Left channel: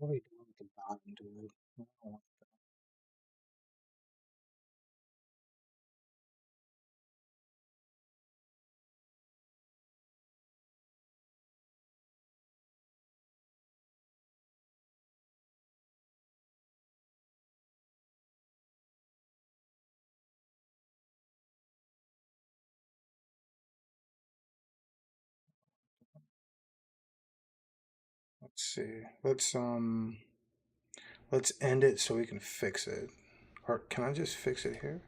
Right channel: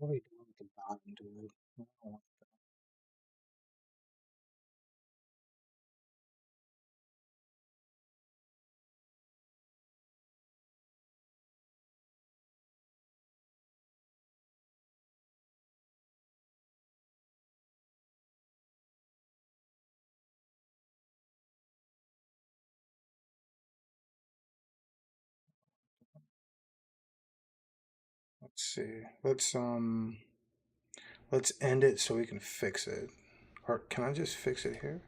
What are you doing with the bottom, dude? I don't want Let's see. Let's end it so we can fix it. Or can I just fix it here?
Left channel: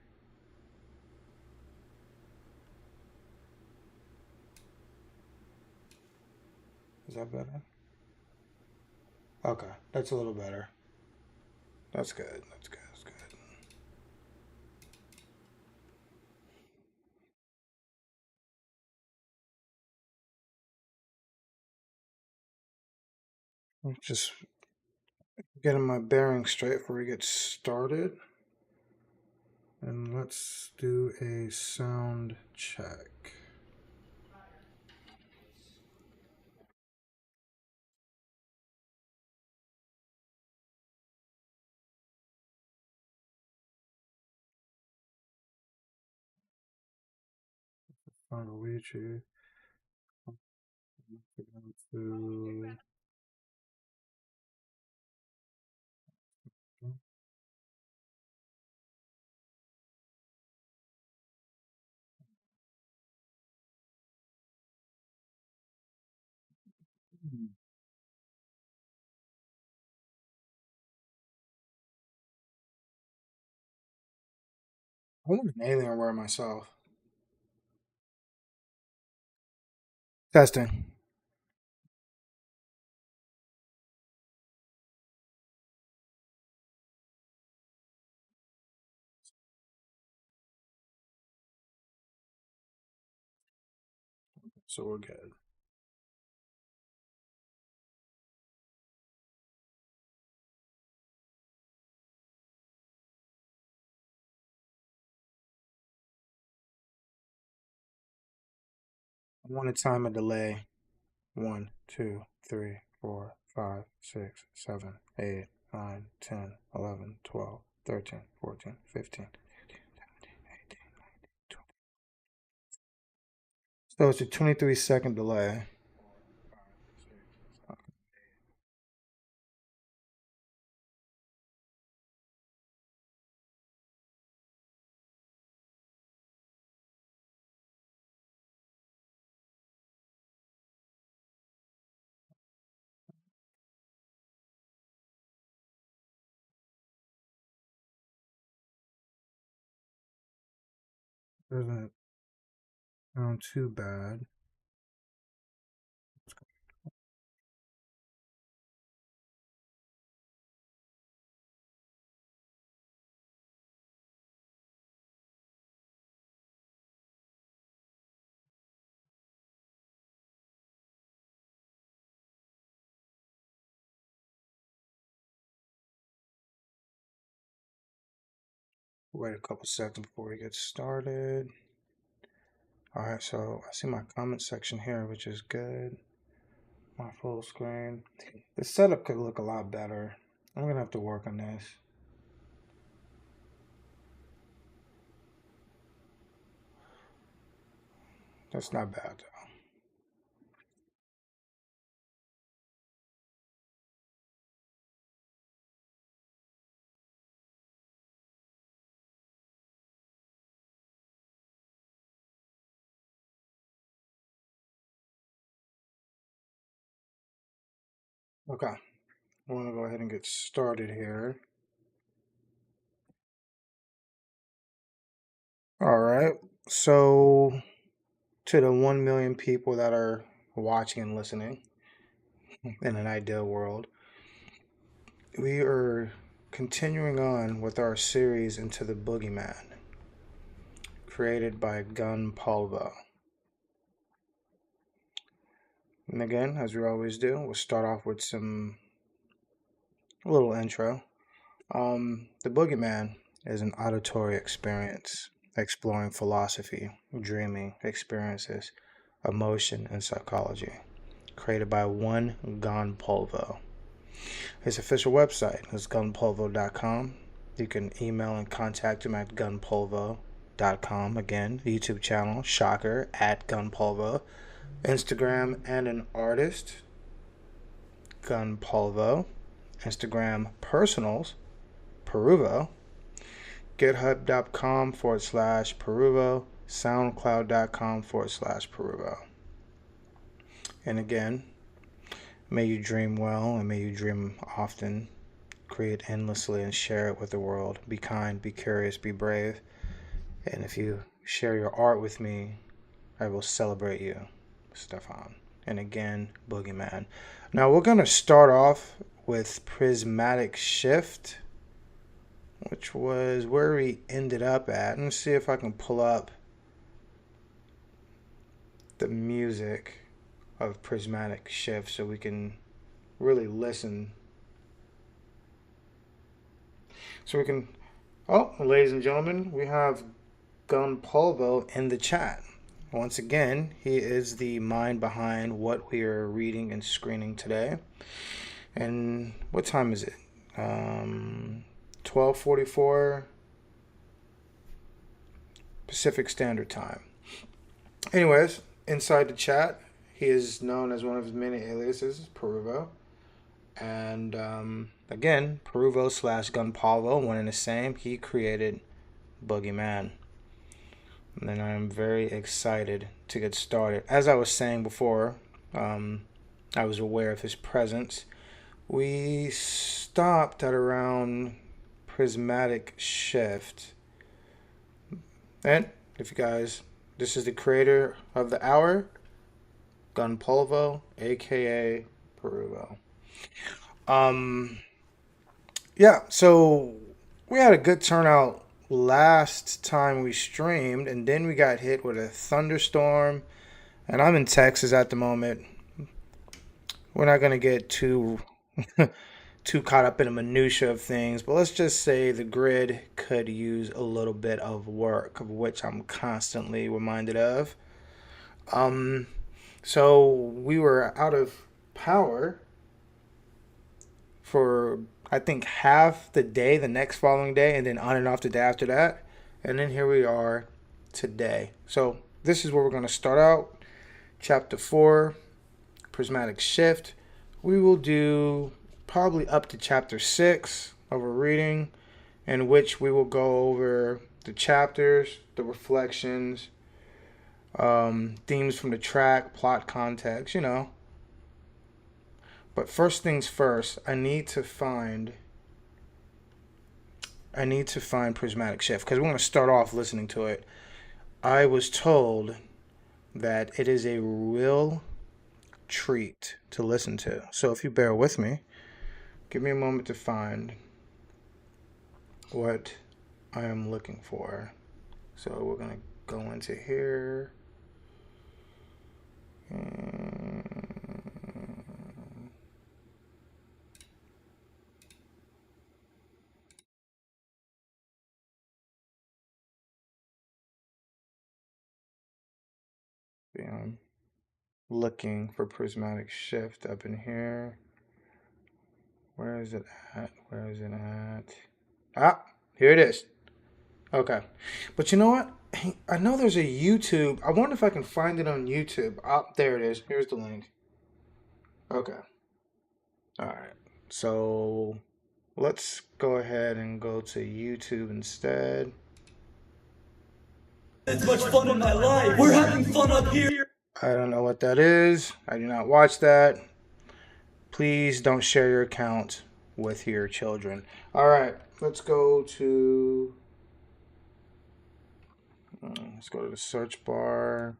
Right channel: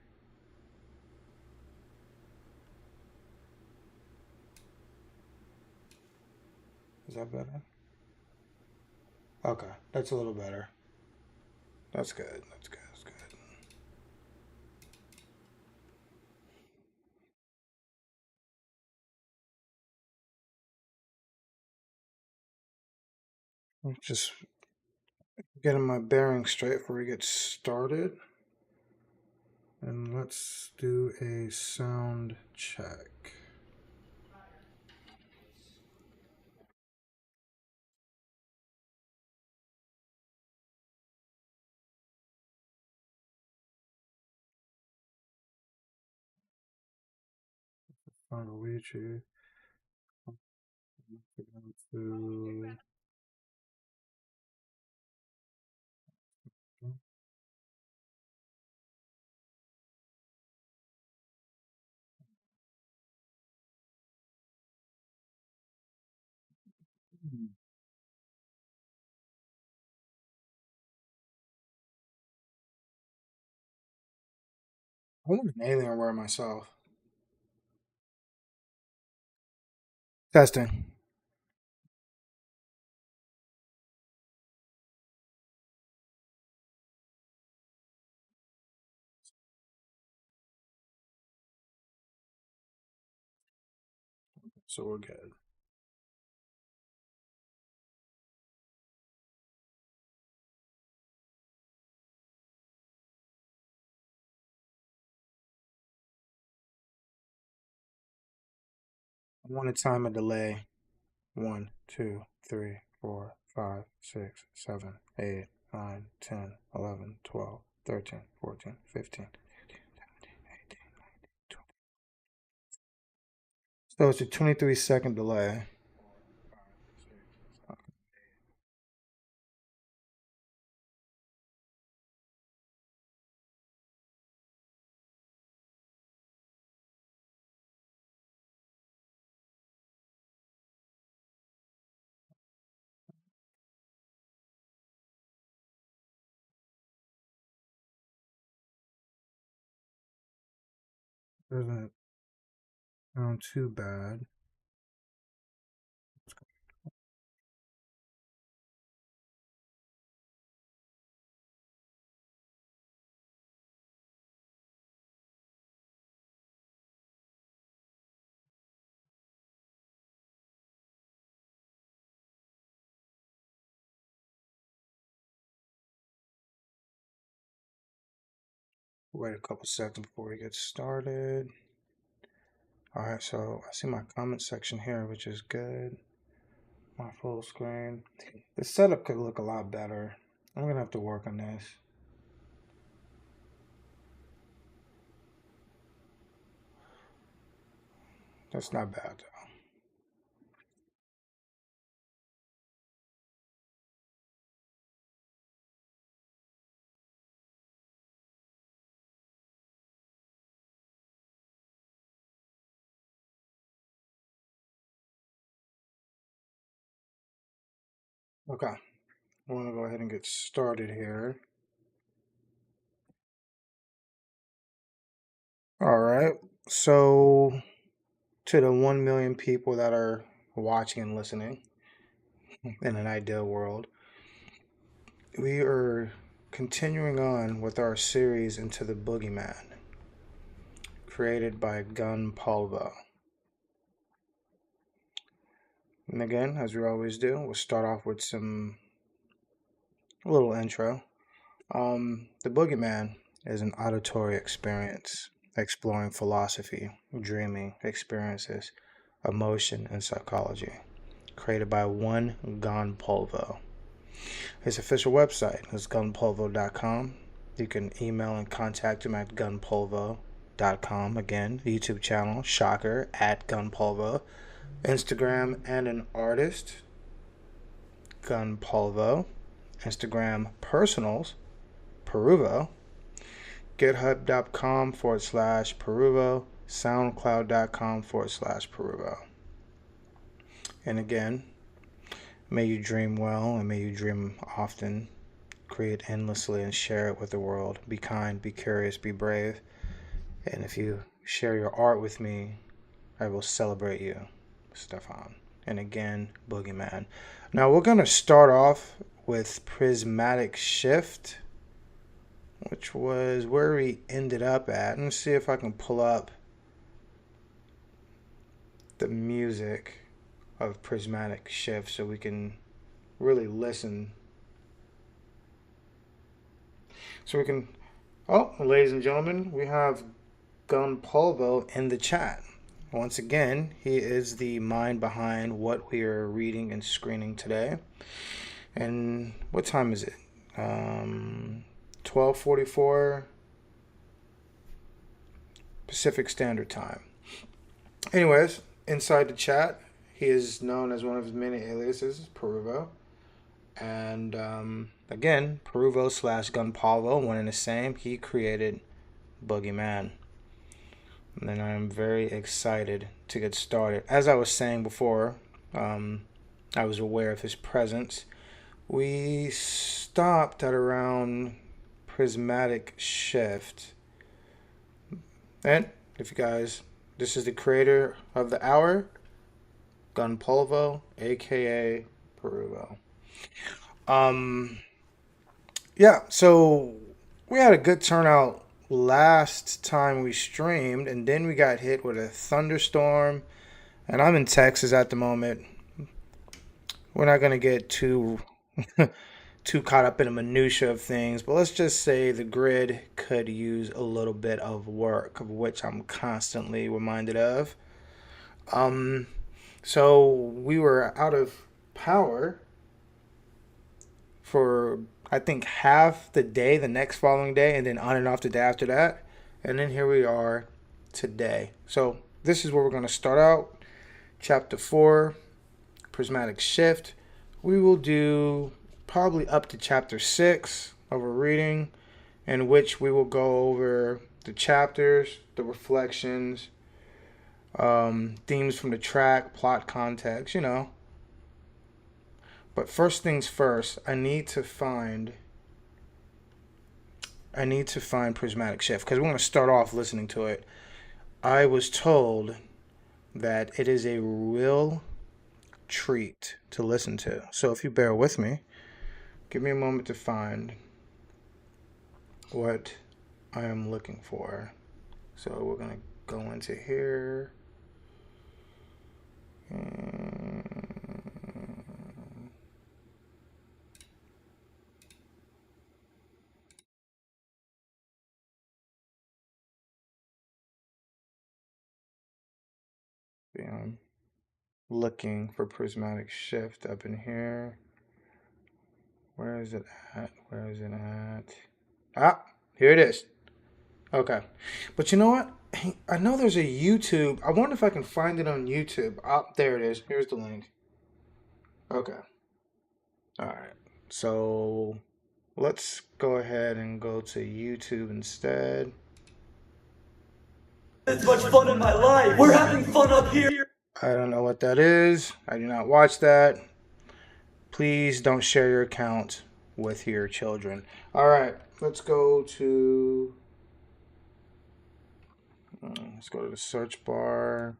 Is that better? Okay, that's a little better. That's good. That's good. That's good. I'm just getting my bearings straight before we get started. And let's do a sound check. Luigi. To... I want an Alienware myself. Testing. So we're good. I want a time of delay. 1, 2, 3, 4, 5, 6, 7, 8, 9, 10, 11, 12, 13, 14, 15. So it's a 23-second delay. Doesn't sound too bad. Wait a couple seconds before we get started. All right, so I see my comment section here, which is good. My full screen. The setup could look a lot better. I'm gonna have to work on this. That's not bad though. Okay, I want to go ahead and get started here. All right, so to the 1 million people that are watching and listening in an ideal world, we are continuing on with our series Into the Boogeyman, created by Gun Polvo. And again, as we always do, we'll start off with a little intro. The Boogeyman is an auditory experience exploring philosophy, dreaming experiences, emotion, and psychology, created by one Gon Polvo. His official website is gunpolvo.com. You can email and contact him at gunpolvo.com. Again, YouTube channel, shocker, at gunpolvo. Instagram and an artist, gunpolvo. Instagram personals, peruvo. GitHub.com/peruvo. SoundCloud.com/peruvo. And again, may you dream well and may you dream often. Create endlessly and share it with the world. Be kind, be curious, be brave. And if you share your art with me, I will celebrate you, Stefan. And again, Boogeyman. Now we're going to start off with Prismatic Shift, which was where we ended up at. Let me see if I can pull up the music of Prismatic Shift so we can really listen. So we can. Oh, ladies and gentlemen, we have Gun Polvo in the chat. Once again, he is the mind behind what we are reading and screening today. And what time is it? 12:44 Pacific Standard Time. Anyways, inside the chat, he is known as one of his many aliases, Peruvo. And again, Peruvo slash Gunpolvo, one and the same. He created Boogeyman. And I am very excited to get started. As I was saying before, I was aware of his presence. We stopped at around Prismatic Shift. And if you guys, this is the creator of the hour, Gunpolvo, aka Peruvo. Um, yeah, so we had a good turnout last time we streamed, and then we got hit with a thunderstorm. And I'm in Texas at the moment. We're not gonna get too caught up in the minutia of things, but let's just say the grid could use a little bit of work, of which I'm constantly reminded of. Um, so we were out of power for I think half the day, the next following day, and then on and off the day after that. And then here we are today. So this is where we're going to start out. Chapter 4, Prismatic Shift. We will do probably up to chapter 6 of a reading, in which we will go over the chapters, the reflections, themes from the track, plot context, you know. But first things first, I need to find Prismatic Shift because we're going to start off listening to it. I was told that it is a real treat to listen to. So if you bear with me, give me a moment to find what I am looking for. So we're going to go into here. I'm looking for Prismatic Shift up in here. Where is it at? Where is it at? Ah, here it is. Okay. But you know what? I know there's a YouTube. I wonder if I can find it on YouTube. Oh, there it is. Here's the link. Okay. All right. So let's go ahead and go to YouTube instead. It's much fun in my life. We're having fun up here. I don't know what that is. I do not watch that. Please don't share your account with your children. All right. Let's go to the search bar.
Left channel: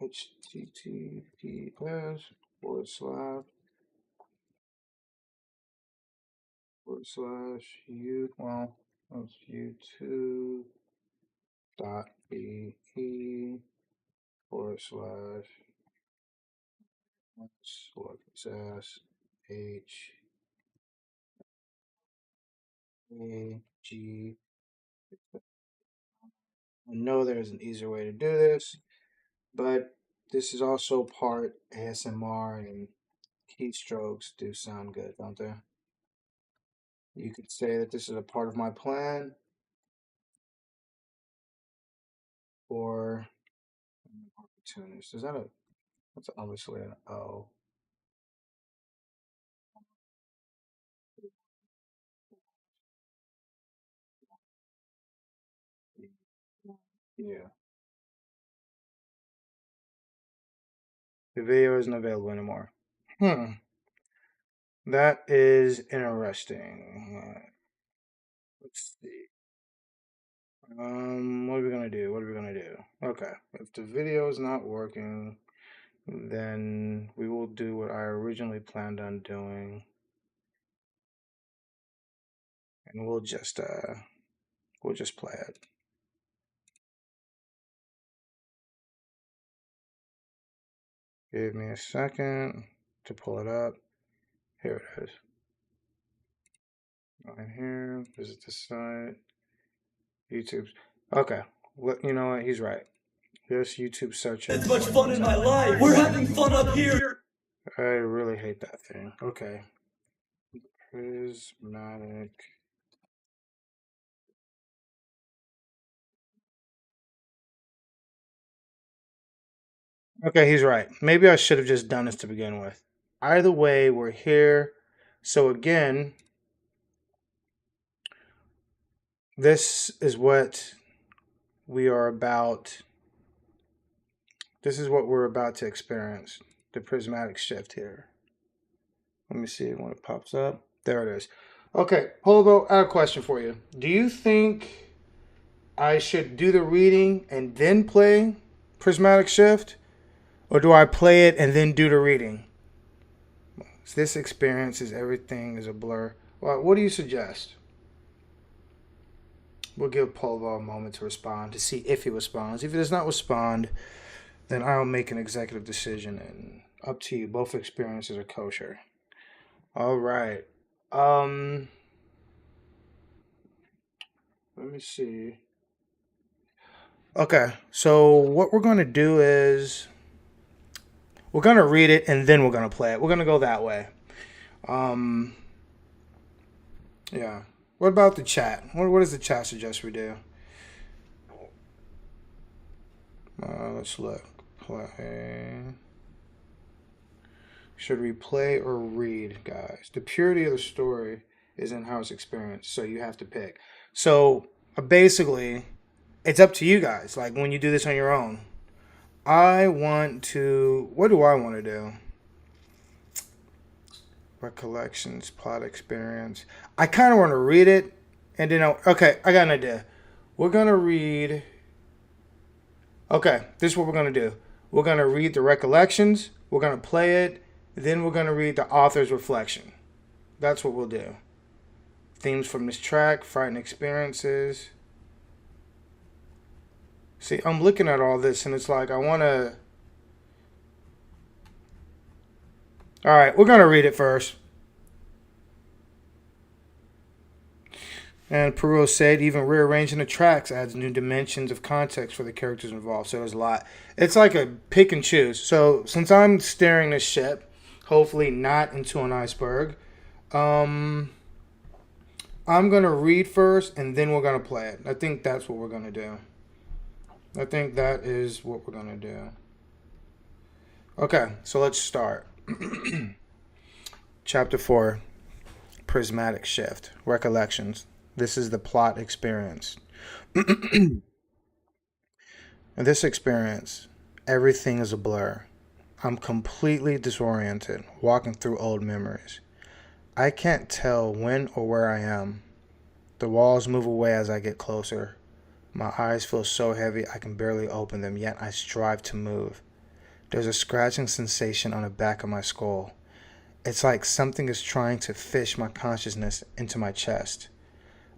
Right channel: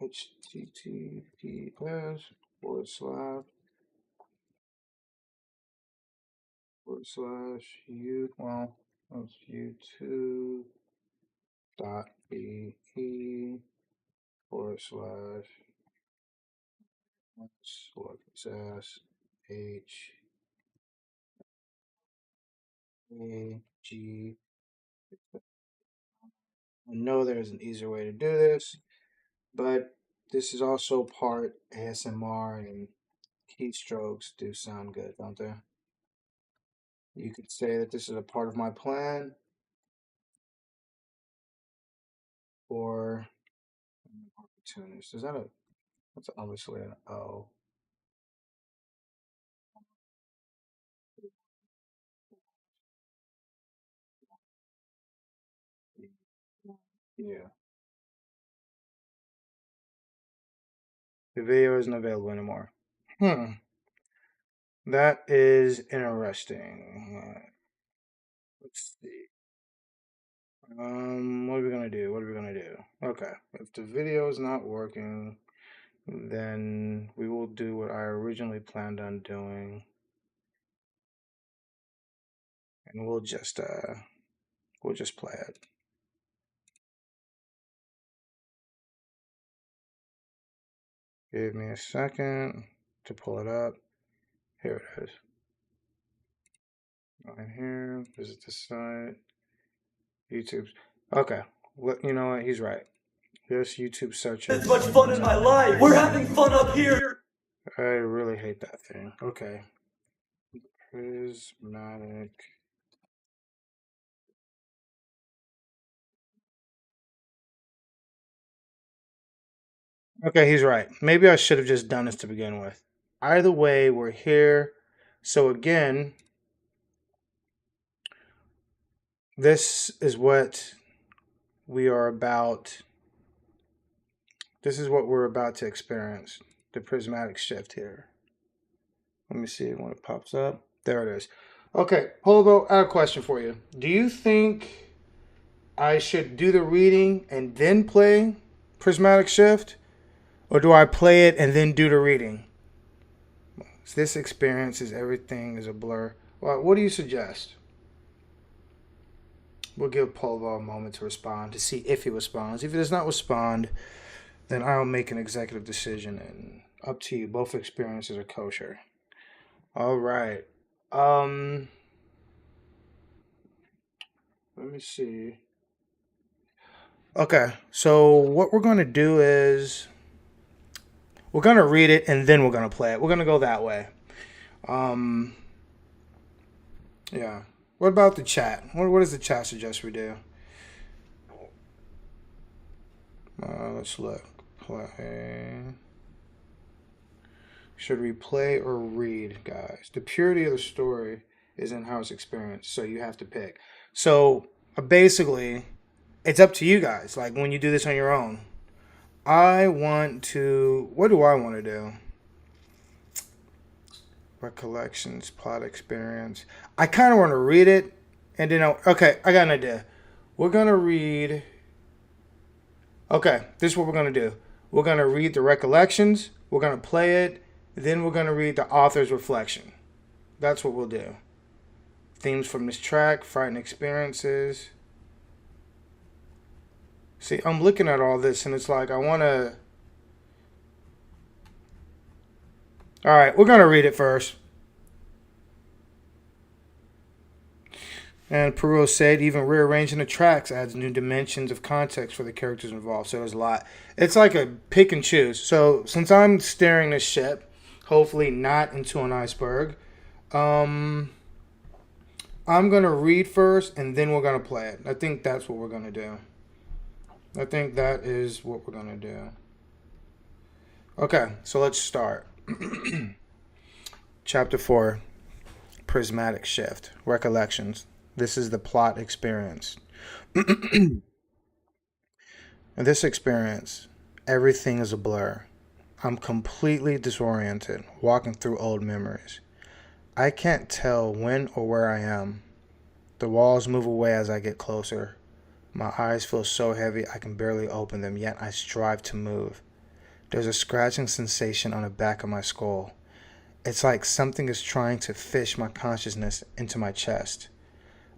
HTTPS // you well that's YouTube dot be / lowercase h a g. I know there's an easier way to do this, but this is also part ASMR and keystrokes do sound good, don't they? You could say that this is a part of my plan, or opportunist. Is that a? That's obviously an O. Yeah. The video isn't available anymore. Hmm. That is interesting. Let's see. What are we gonna do? What are we gonna do? Okay. If the video is not working, then we will do what I originally planned on doing, and we'll just play it. Give me a second to pull it up. Here it is. Right here. Visit the site. YouTube. Okay. You know what? He's right. Just YouTube search it. It's much fun in my life. We're having fun up here. I really hate that thing. Okay. Prismatic. Okay, he's right. Maybe I should have just done this to begin with. Either way, we're here. So again, this is what we are about. This is what we're about to experience. The prismatic shift here. Let me see when it pops up. There it is. Okay, Polo, I have a question for you. Do you think I should do the reading and then play prismatic shift? Or do I play it and then do the reading? This experience is everything is a blur. Well, what do you suggest? We'll give Polo a moment to respond to see if he responds. If he does not respond, then I'll make an executive decision, and up to you. Both experiences are kosher. All right. Let me see. Okay, so what we're going to do is we're going to read it and then we're going to play it. We're going to go that way. Um, yeah. What about the chat? What does the chat suggest we do? Let's look. Play. Should we play or read, guys? The purity of the story is in-house experience, so you have to pick. So basically, it's up to you guys. Like when you do this on your own. I want to. What do I want to do? Recollections, plot experience. I kind of want to read it, and then okay, I got an idea. We're gonna read. Okay, this is what we're gonna do. We're gonna read the recollections. We're gonna play it. Then we're gonna read the author's reflection. That's what we'll do. Themes from this track, frightened experiences. See, I'm looking at all this, and it's like I want to. All right, we're gonna read it first. And Perot said even rearranging the tracks adds new dimensions of context for the characters involved. So there's a lot. It's like a pick and choose. So since I'm steering this ship, hopefully not into an iceberg, I'm going to read first and then we're going to play it. I think that's what we're going to do. I think that is what we're going to do. Okay, so let's start. Chapter 4, Prismatic Shift, Recollections. This is the plot experience. In this experience, everything is a blur. I'm completely disoriented, walking through old memories. I can't tell when or where I am. The walls move away as I get closer. My eyes feel so heavy I can barely open them, yet I strive to move. There's a scratching sensation on the back of my skull. It's like something is trying to fish my consciousness into my chest.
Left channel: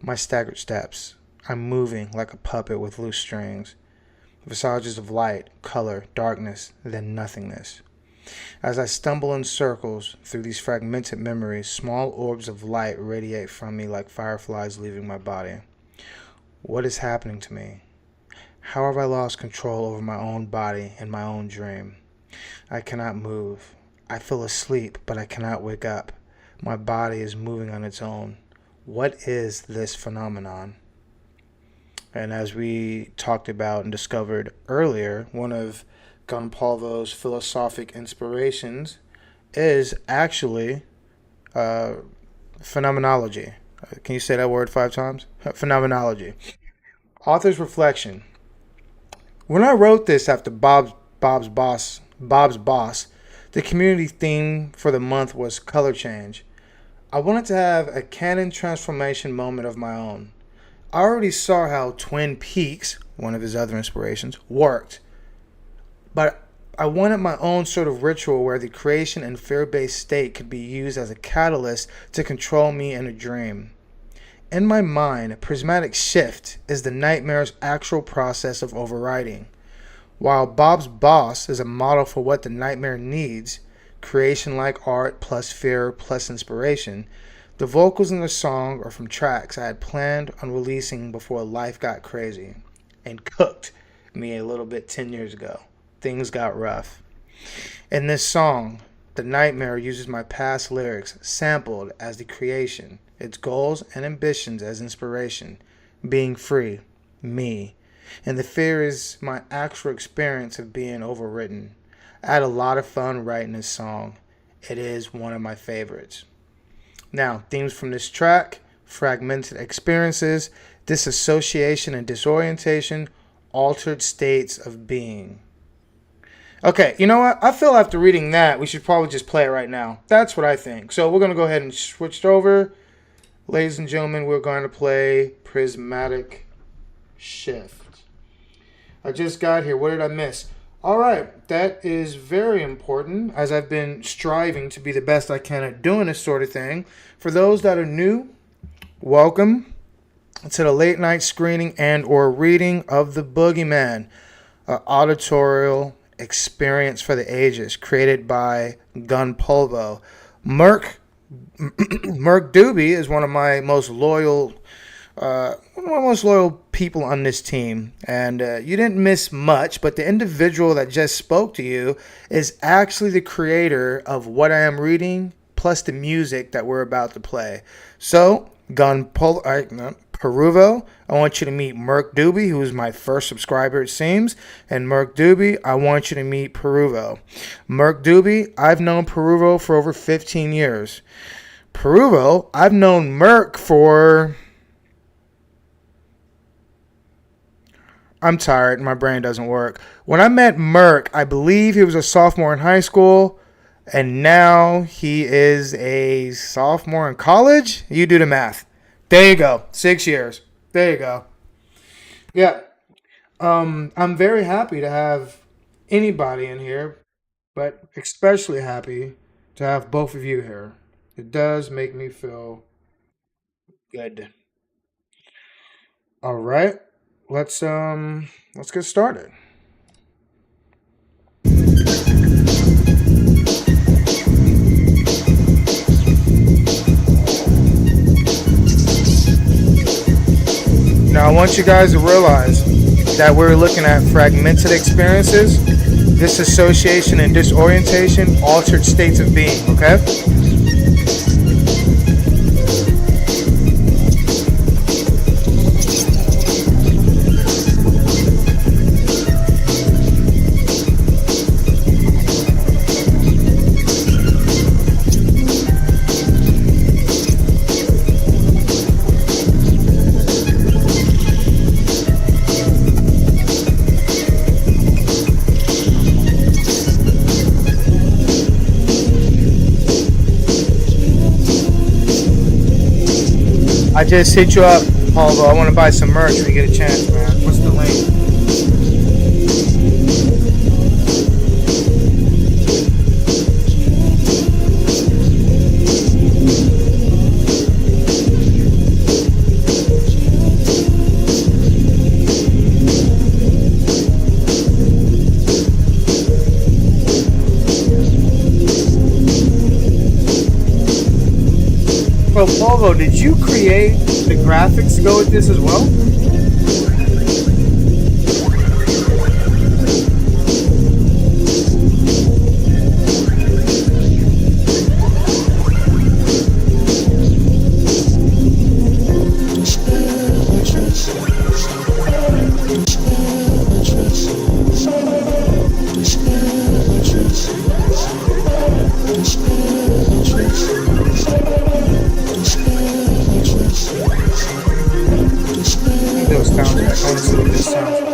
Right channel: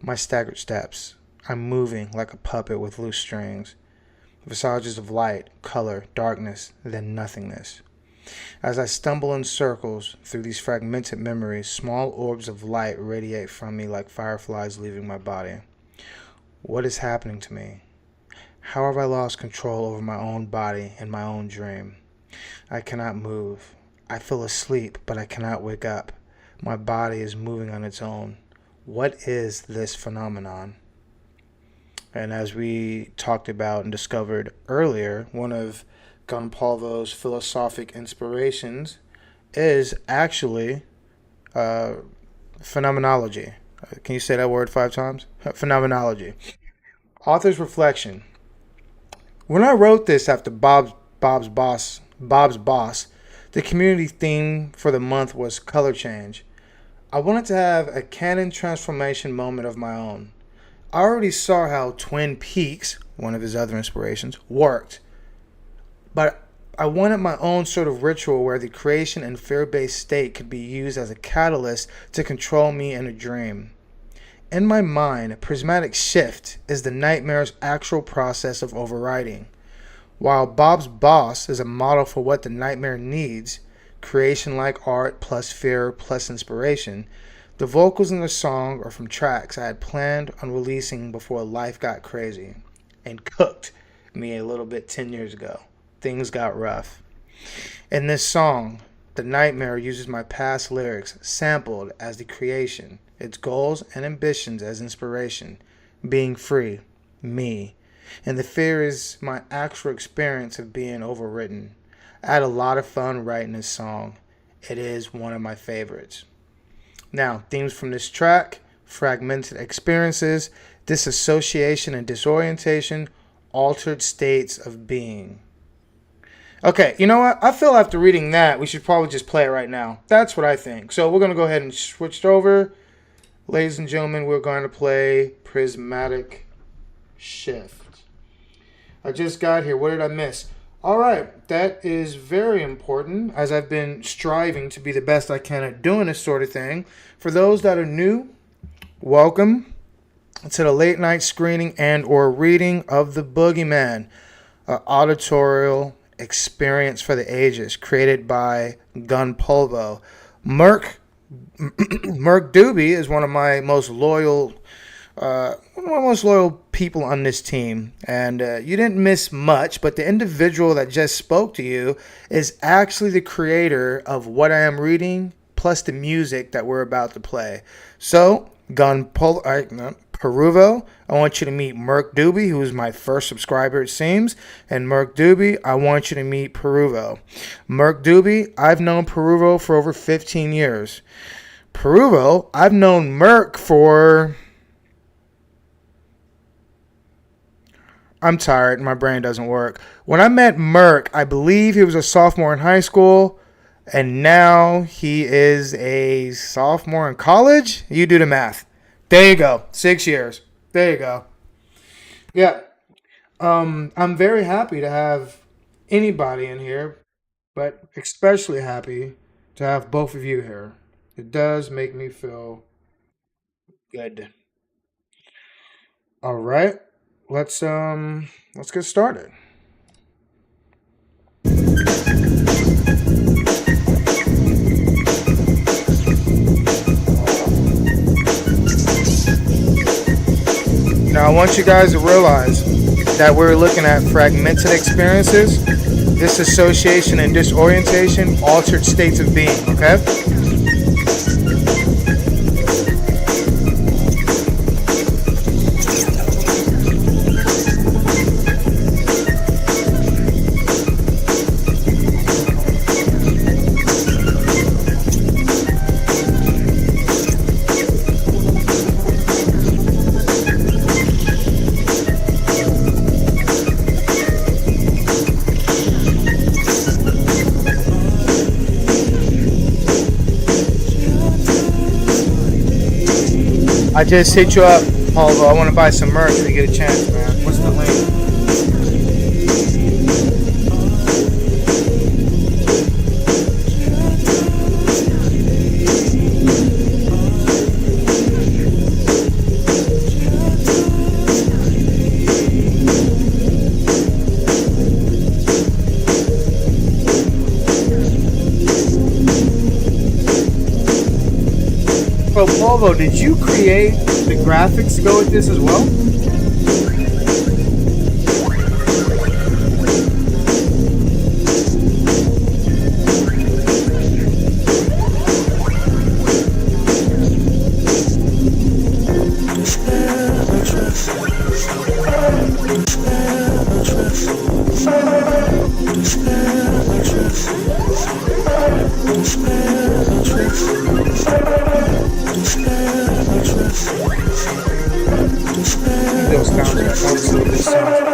My staggered steps. I'm moving like a puppet with loose strings. Visages of light, color, darkness, then nothingness. As I stumble in circles through these fragmented memories, small orbs of light radiate from me like fireflies leaving my body. What is happening to me? How have I lost control over my own body and my own dream? I cannot move. I feel asleep, but I cannot wake up. My body is moving on its own. What is this phenomenon? And as we talked about and discovered earlier, one of Gunpolvo's philosophic inspirations is actually uh, phenomenology. Can you say that word 5 times? Phenomenology. Author's reflection. When I wrote this after Bob's boss, the community theme for the month was color change. I wanted to have a canon transformation moment of my own. I already saw how Twin Peaks, one of his other inspirations, worked, but I wanted my own sort of ritual where the creation and fear based state could be used as a catalyst to control me in a dream. In my mind, prismatic shift is the nightmare's actual process of overriding. While Bob's boss is a model for what the nightmare needs, creation like art plus fear plus inspiration, the vocals in the song are from tracks I had planned on releasing before life got crazy and cooked me a little bit 10 years ago. Things got rough. In this song, the nightmare uses my past lyrics sampled as the creation, its goals and ambitions as inspiration, being free, me. And the fear is my actual experience of being overwritten. I had a lot of fun writing this song. It is one of my favorites. Now, themes from this track: fragmented experiences, disassociation and disorientation, altered states of being. Okay, you know what? I feel after reading that, we should probably just play it right now. That's what I think. So we're going to go ahead and switch it over. Ladies and gentlemen, we're going to play Prismatic Shift. I just got here. What did I miss? All right, that is very important, as I've been striving to be the best I can at doing this sort of thing. For those that are new, welcome to the late night screening and or reading of The Boogeyman, an auditorial experience for the ages, created by Gunpolvo. Merc Doobie is one of my most loyal people on this team, and you didn't miss much. But the individual that just spoke to you is actually the creator of what I am reading, plus the music that we're about to play. So, Peruvo, I want you to meet Merc Doobie, who is my first subscriber, it seems. And Merc Doobie, I want you to meet Peruvo. Merc Doobie, I've known Peruvo for over 15 years. Peruvo, I've known Merc for... I'm tired. My brain doesn't work. When I met Merc, I believe he was a sophomore in high school, and now he is a sophomore in college. You do the math. There you go. 6 years. There you go. Yeah. I'm very happy to have anybody in here, but especially happy to have both of you here. It does make me feel good. All right. Let's get started. Now, I want you guys to realize that we're looking at fragmented experiences, disassociation and disorientation, altered states of being, okay? I just hit you up, Paul. I want to buy some merch when you get a chance, man. What's the link? So, Polvo, did you create the graphics to go with this as well? I'm gonna do a soundtrack. I want to see what this sounds like.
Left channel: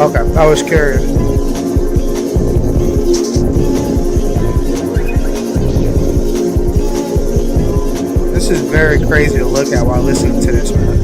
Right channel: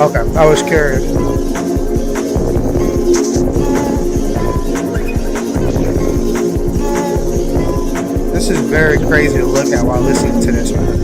Okay, I was curious. This is very crazy to look at while listening to this, man.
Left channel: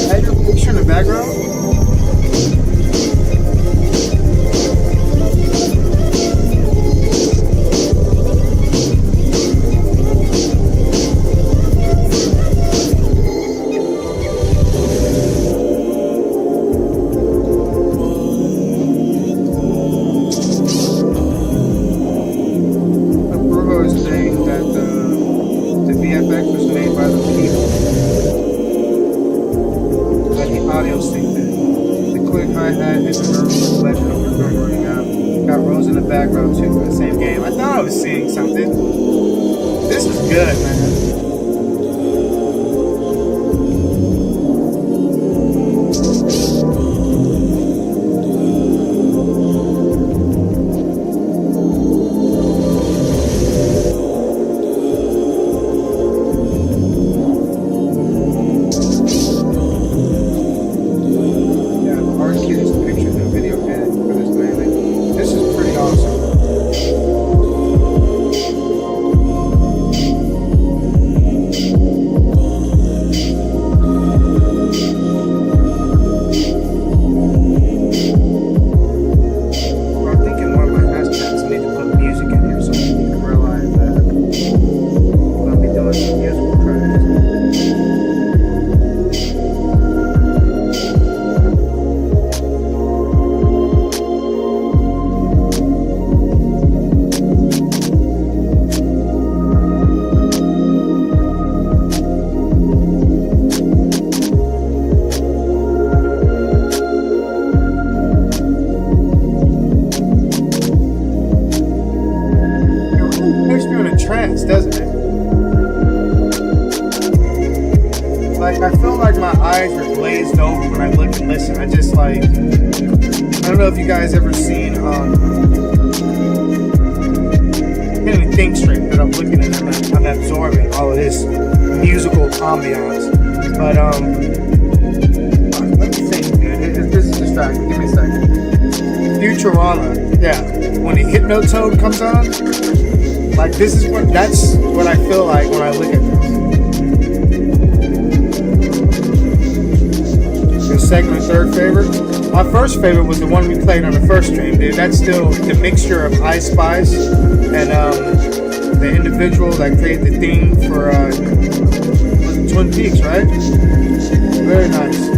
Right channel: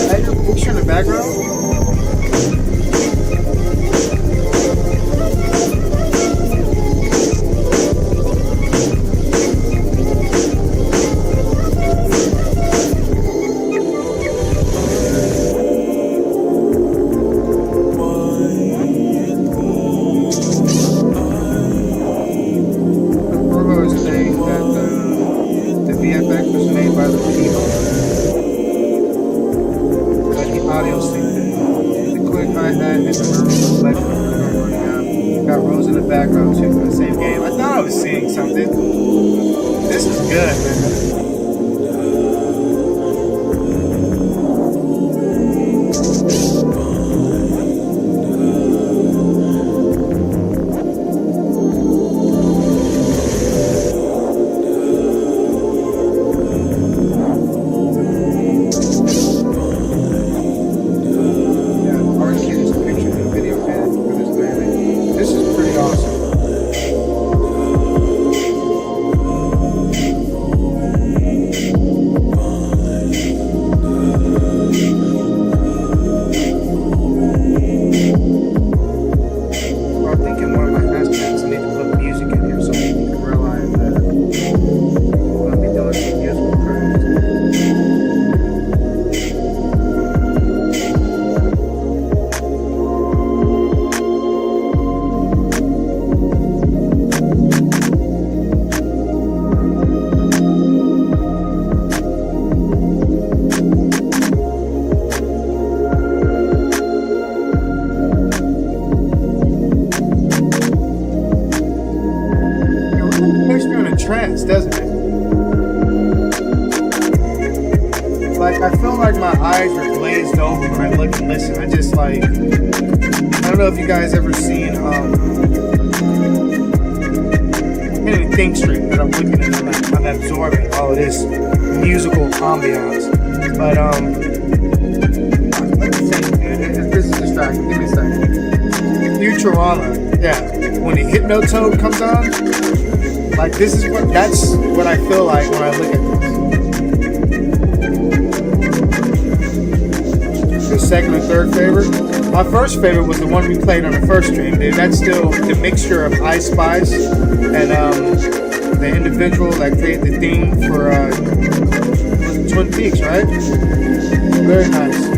Is that your picture in the background? The Burgo is saying that the VFX was made by the people, but the audio synced in. The quick hi-hat is a memory selection of your drum running out. Got Rose in the background too from the same game. I thought I was seeing something. This is good, man. Yeah, our kid is pictured in the video editing for this mainly. This is pretty awesome. I think in one of my hashtags I need to put music in here so people can realize that we're going to be doing some musical tracks. Puts you in a trance, doesn't it? Like, I feel like my eyes are glazed over when I look and listen. I just like, I don't know if you guys ever seen, I can't even think straight, but I'm looking and I'm absorbing all of this musical ambiance. But, let me think, dude. This is distracting. Give me a second. Futurama, yeah. When the Hypnotoad comes on, like, that's what I feel like when I look at this. Your second and third favorite? My first favorite was the one we played on the first stream, dude. That's still the mixture of Ice Spice and the individual that created the theme for was it Twin Peaks, right? Very nice.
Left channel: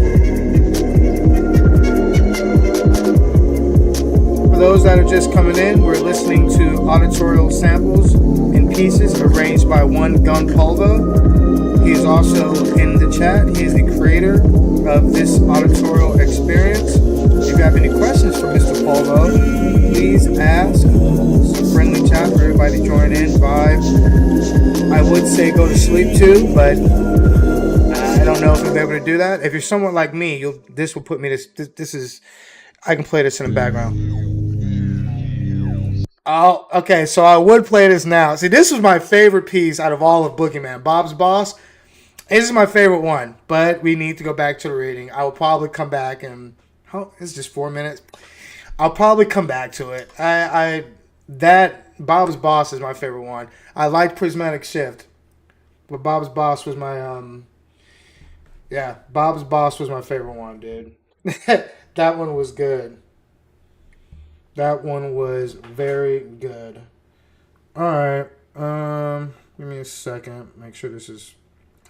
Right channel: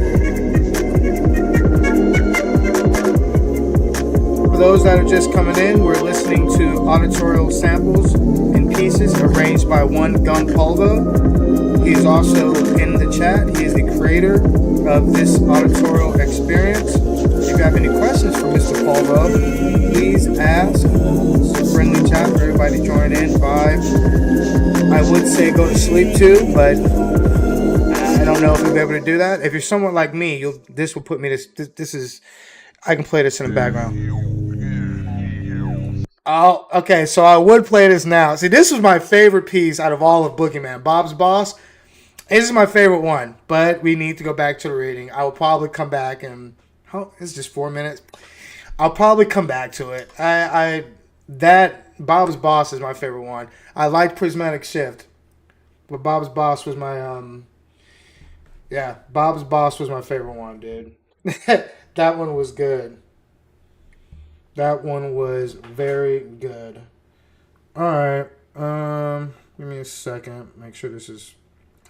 For those that are just coming in, we're listening to auditorial samples and pieces arranged by one Gun Polvo. He is also in the chat. He is the creator of this auditorial experience. If you have any questions for Mr. Polvo, please ask. It's a friendly chat for everybody to join in, vibe. I would say go to sleep too, but I don't know if you'll be able to do that. If you're someone like me, you'll this will put me this is I can play this in the background. Oh, okay. So I would play this now. See, this was my favorite piece out of all of Boogeyman. Bob's Boss. This is my favorite one, but we need to go back to the reading. I will probably come back and oh, it's just 4 minutes. I'll probably come back to it. I that Bob's Boss is my favorite one. I liked Prismatic Shift, but Bob's Boss was my yeah, Bob's Boss was my favorite one, dude. That one was good. That one was very good. All right. Give me a second. Make sure this is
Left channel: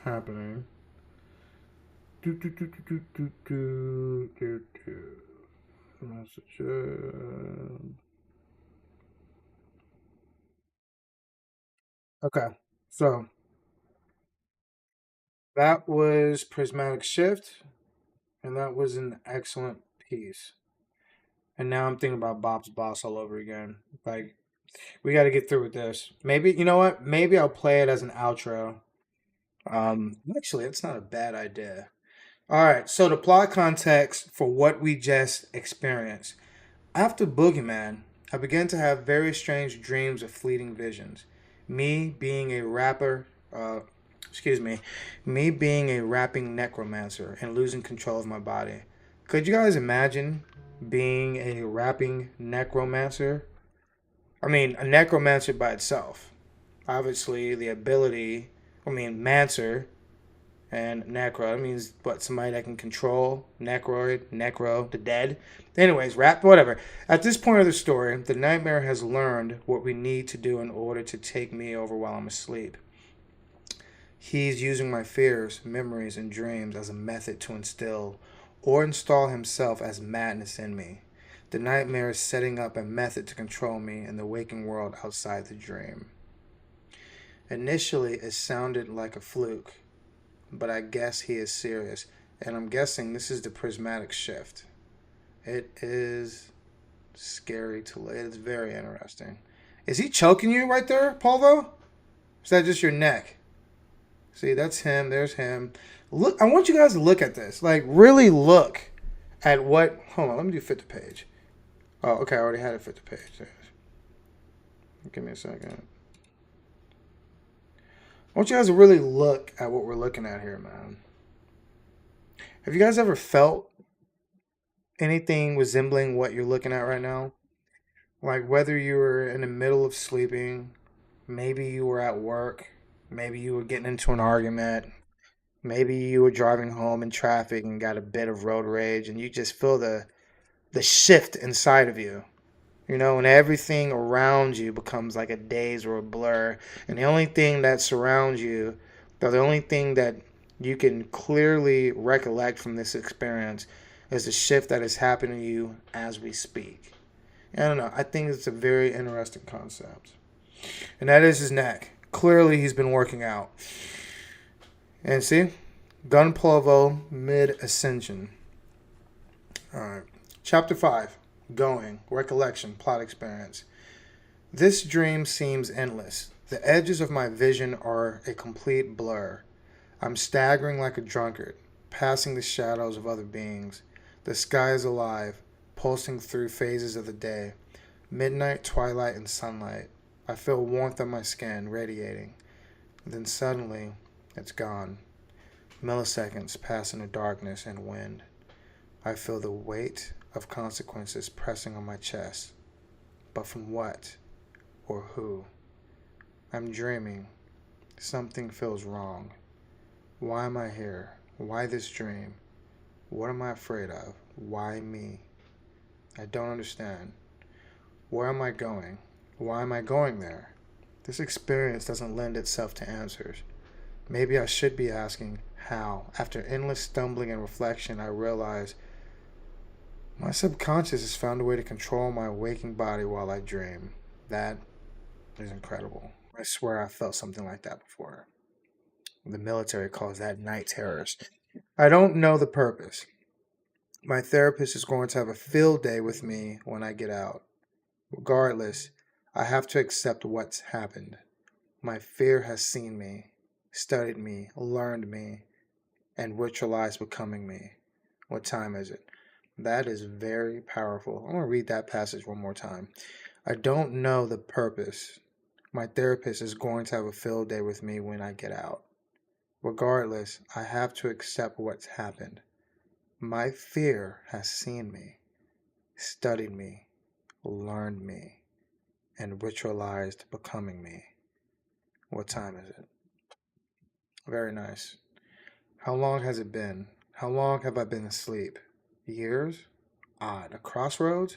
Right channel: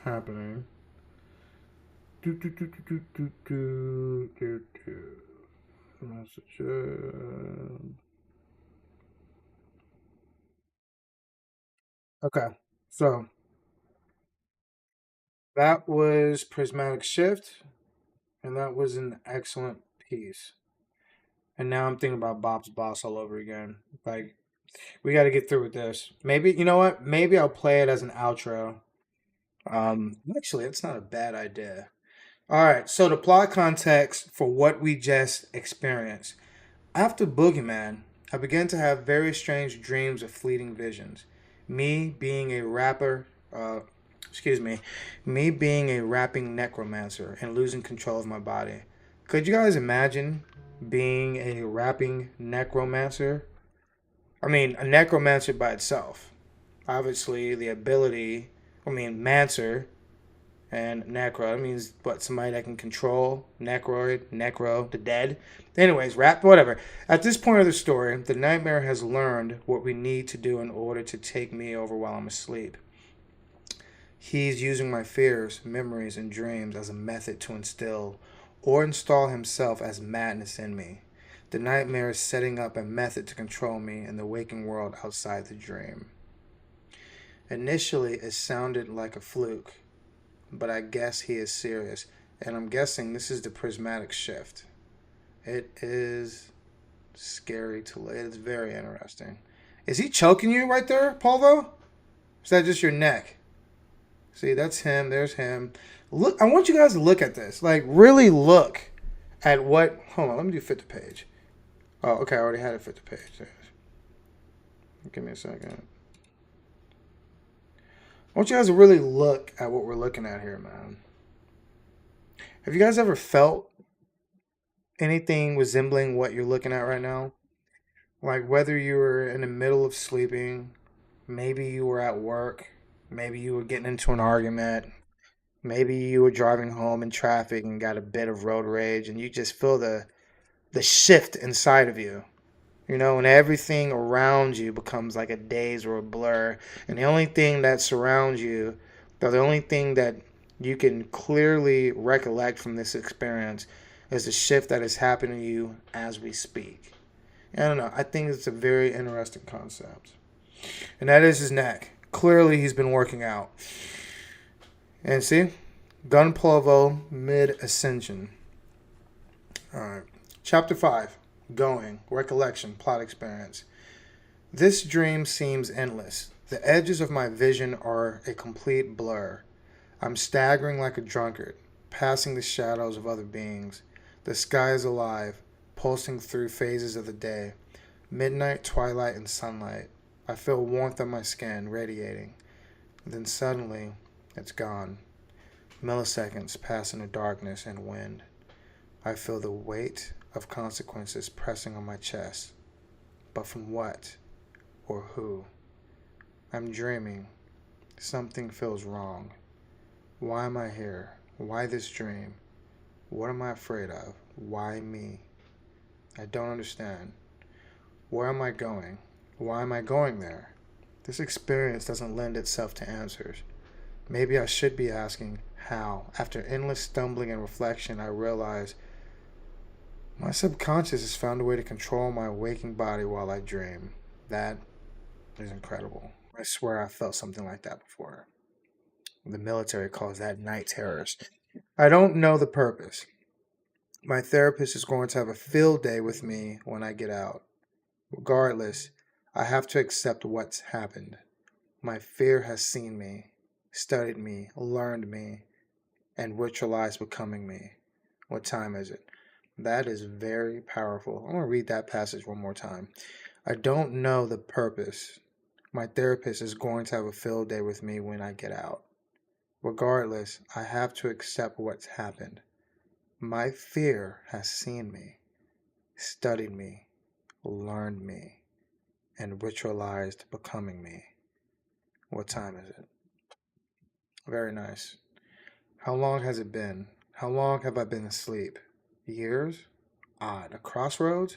happening. Do do do do do do do do. Messages. Okay. So that was Prismatic Shift, and that was an excellent piece. And now I'm thinking about Bob's Boss all over again. Like, we got to get through with this. Maybe, you know what? Maybe I'll play it as an outro. Actually, it's not a bad idea. All right, so the plot context for what we just experienced. After Boogeyman, I began to have very strange dreams of fleeting visions. Me being a rapper, excuse me being a rapping necromancer and losing control of my body. Could you guys imagine being a rapping necromancer? I mean, a necromancer by itself. Obviously, the ability, mancer and necro. That means what? Somebody that can control necroid, necro, the dead. Anyways, rap, whatever. At this point of the story, the nightmare has learned what we need to do in order to take me over while I'm asleep. He's using my fears, memories, and dreams as a method to instill or install himself as madness in me. The nightmare is setting up a method to control me in the waking world outside the dream. Initially, it sounded like a fluke, but I guess he is serious. And I'm guessing this is the prismatic shift. It is scary to look. It is very interesting. Is he choking you right there, Polvo? Is that just your neck? See, that's him. There's him. Look, I want you guys to look at this. Like, really look at what. Hold on, let me do fit the page. Oh, okay, I already had it fit the page. Give me a second. I want you guys to really look at what we're looking at here, man. Have you guys ever felt anything resembling what you're looking at right now? Like whether you were in the middle of sleeping, maybe you were at work, maybe you were getting into an argument, maybe you were driving home in traffic and got a bit of road rage and you just feel the shift inside of you. You know, and everything around you becomes like a daze or a blur. And the only thing that surrounds you, or the only thing that you can clearly recollect from this experience is the shift that is happening to you as we speak. I don't know. I think it's a very interesting concept. And that is his neck. Clearly, he's been working out. And see? Gun Polvo mid ascension. Alright. Chapter 5. Going. Recollection. Plot experience. This dream seems endless. The edges of my vision are a complete blur. I'm staggering like a drunkard, passing the shadows of other beings. The sky is alive, pulsing through phases of the day. Midnight, twilight, and sunlight. I feel warmth on my skin, radiating. Then suddenly, it's gone. Milliseconds pass into darkness and wind. I feel the weight of consequences pressing on my chest. But from what? Or who? I'm dreaming. Something feels wrong. Why am I here? Why this dream? What am I afraid of? Why me? I don't understand. Where am I going? Why am I going there? This experience doesn't lend itself to answers. Maybe I should be asking how. After endless stumbling and reflection, I realize my subconscious has found a way to control my waking body while I dream. That is incredible. I swear I felt something like that before. The military calls that night terrors. I don't know the purpose. My therapist is going to have a field day with me when I get out. Regardless, I have to accept what's happened. My fear has seen me, studied me, learned me. and ritualize becoming me. What time is it? That is very powerful. I'm going to read that passage one more time. I don't know the purpose. My therapist is going to have a field day with me when I get out. Regardless, I have to accept what's happened. My fear has seen me, studied me, learned me, and ritualized becoming me. What time is it? Very nice. How long has it been? How long have I been asleep? Years? Odd. A crossroads?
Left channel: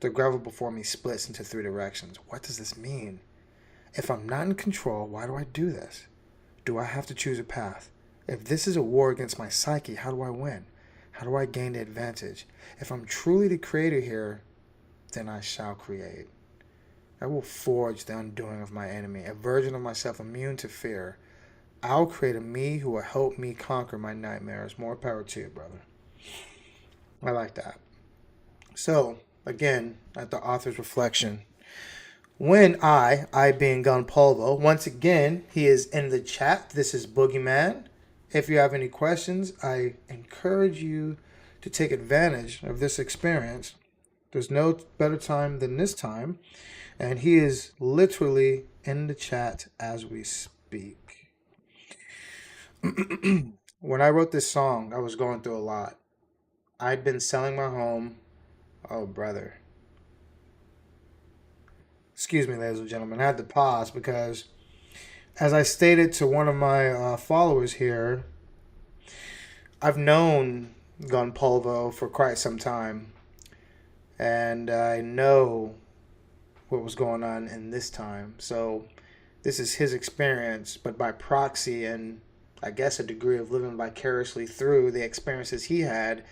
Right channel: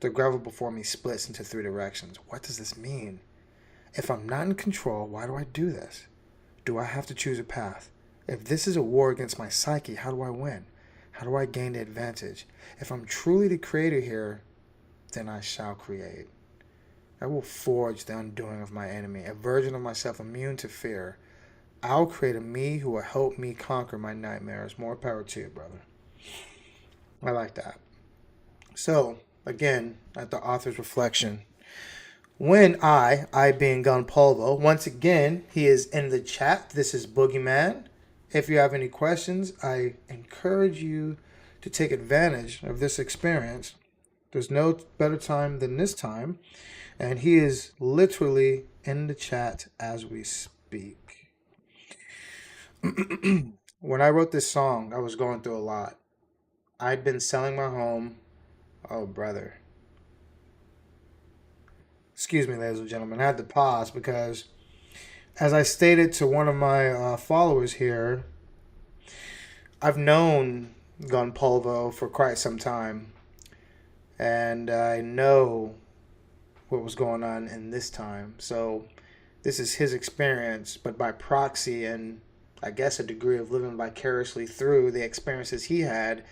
The gravel before me splits into three directions. What does this mean? If I'm not in control, why do I do this? Do I have to choose a path? If this is a war against my psyche, how do I win? How do I gain the advantage? If I'm truly the creator here, then I shall create. I will forge the undoing of my enemy, a version of myself immune to fear. I'll create a me who will help me conquer my nightmares. More power to you, brother. I like that. So, again, at the author's reflection, when I being Gunpolvo, once again, he is in the chat. This is Boogeyman. If you have any questions, I encourage you to take advantage of this experience. There's no better time than this time. And he is literally in the chat as we speak. When I wrote this song, I was going through a lot. I'd been selling my home. Oh, brother. Excuse me, ladies and gentlemen. I had to pause because, as I stated to one of my followers here, I've known Gunpolvo for quite some time. And I know what was going on in this time. So, this is his experience, but by proxy and I guess a degree of living vicariously through the experiences he had.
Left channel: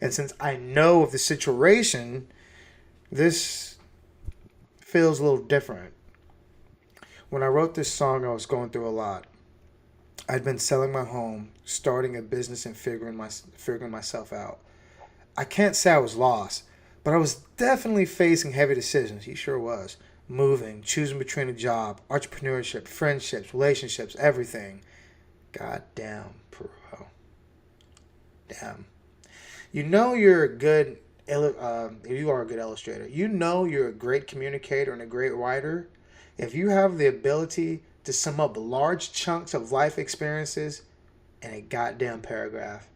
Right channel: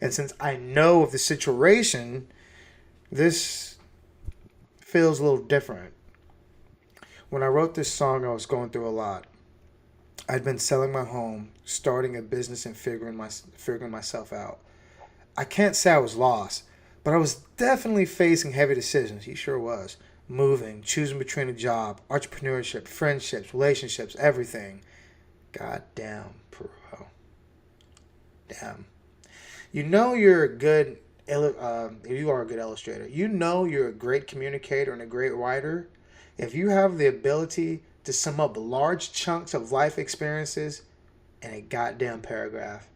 And since I know of the situation, this feels a little different. When I wrote this song, I was going through a lot. I'd been selling my home, starting a business, and figuring myself out. I can't say I was lost, but I was definitely facing heavy decisions. He sure was. Moving, choosing between a job, entrepreneurship, friendships, relationships, everything. God damn, bro. Damn. You know you're a good, you are a good illustrator. You know you're a great communicator and a great writer if you have the ability to sum up large chunks of life experiences in a goddamn paragraph.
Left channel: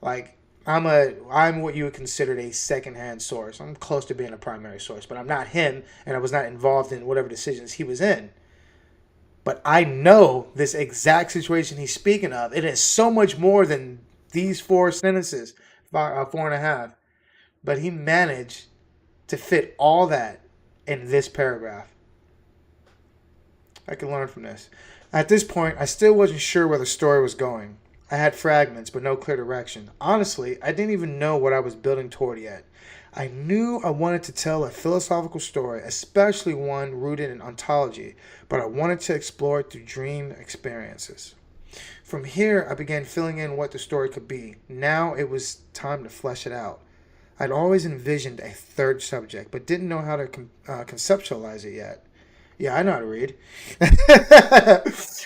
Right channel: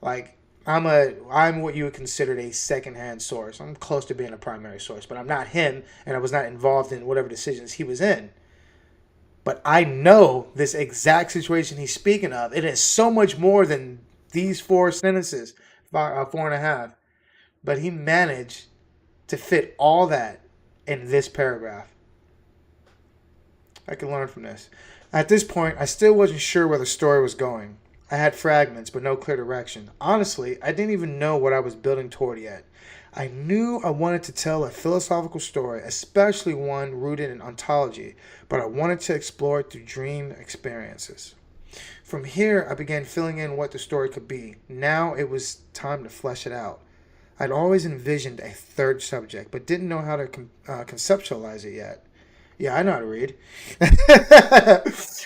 Like I'm what you would consider a secondhand source. I'm close to being a primary source, but I'm not him, and I was not involved in whatever decisions he was in. But I know this exact situation he's speaking of. It is so much more than these four sentences, four and a half. But he managed to fit all that in this paragraph. I can learn from this. At this point, I still wasn't sure where the story was going. I had fragments, but no clear direction. Honestly, I didn't even know what I was building toward yet. I knew I wanted to tell a philosophical story, especially one rooted in ontology, but I wanted to explore it through dream experiences. From here, I began filling in what the story could be. Now it was time to flesh it out. I'd always envisioned a third subject, but didn't know how to conceptualize it yet. Yeah, I know how to read.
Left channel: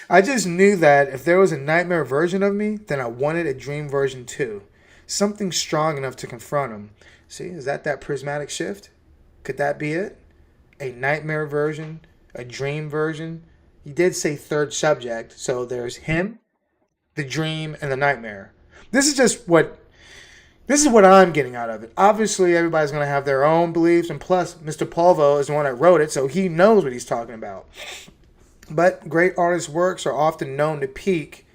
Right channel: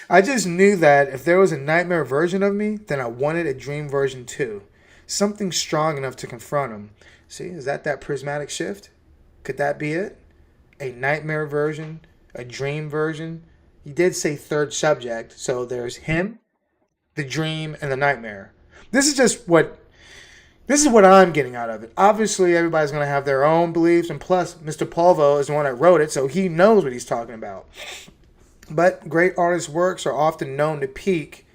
I just knew that if there was a nightmare version of me, then I wanted a dream version too. Something strong enough to confront him. See, is that prismatic shift? Could that be it? A nightmare version, a dream version. He did say third subject, so there's him, the dream, and the nightmare. This is just what this is what I'm getting out of it. Obviously, everybody's going to have their own beliefs, and plus, Mr. Polvo is the one that wrote it, so he knows what he's talking about. But great artists' works are often known to pique,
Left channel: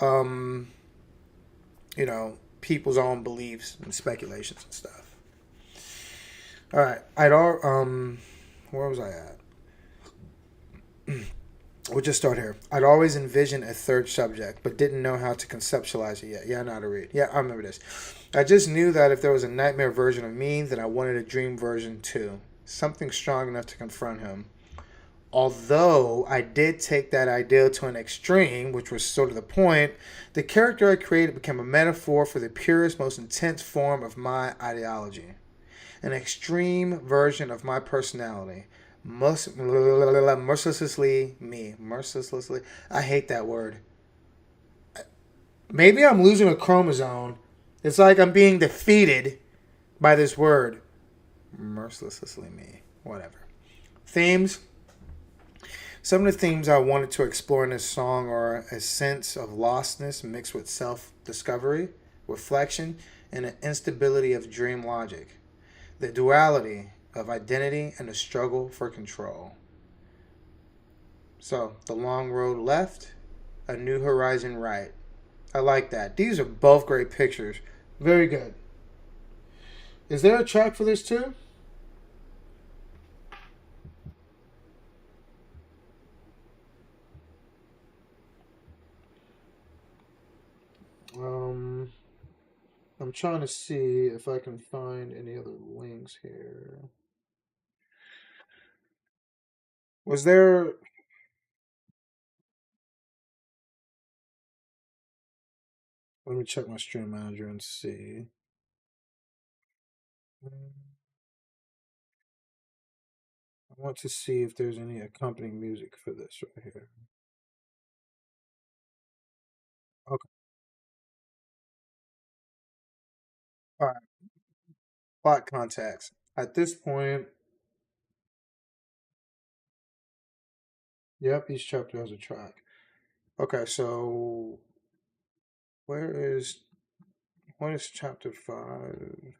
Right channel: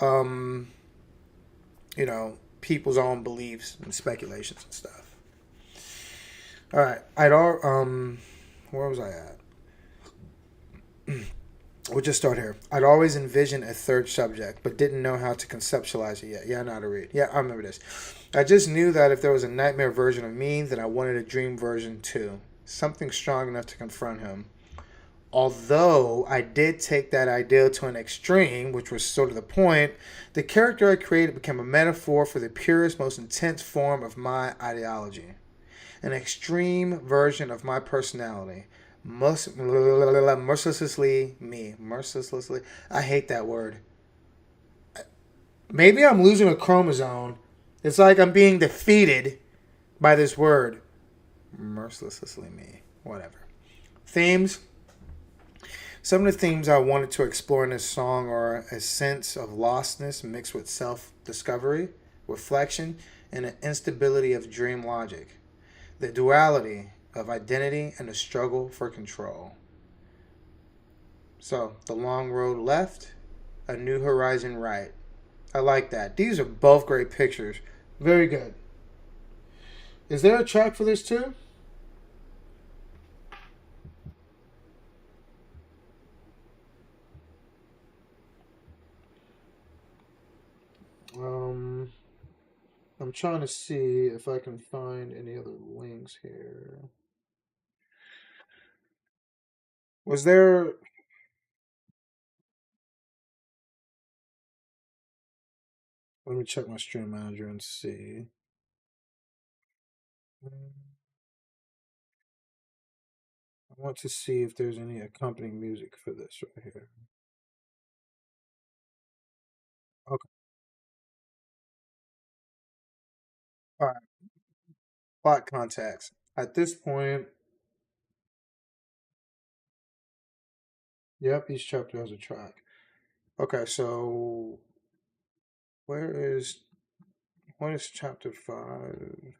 um, people's own beliefs and speculations and stuff. All right, where was I at? We'll just start here. I'd always envisioned a third subject, but didn't know how to conceptualize it yet. Yeah, I know how to read. Yeah, I remember this. I just knew that if there was a nightmare version of me, then I wanted a dream version too. Something strong enough to confront him. Although I did take that idea to an extreme, which was sort of the point, the character I created became a metaphor for the purest, most intense form of my ideology. An extreme version of my personality. Mercilessly me. Mercilessly. I hate that word. Maybe I'm losing a chromosome. It's like I'm being defeated by this word. Mercilessly me. Whatever. Themes. Some of the themes I wanted to explore in this song are a sense of lostness mixed with self discovery, reflection, and an instability of dream logic. The duality of identity and the struggle for control. So, the long road left, a new horizon right. I like that. These are both great pictures. Very good. Is there a track for this too? Um, I'm trying to see if I can find any other links here. Was there? Let me check my stream manager and see. I want to see if there's any accompanying music for this right here. Okay. All right. Plot context. At this point, yep, each chapter has a track. Okay, so where is what is chapter 5?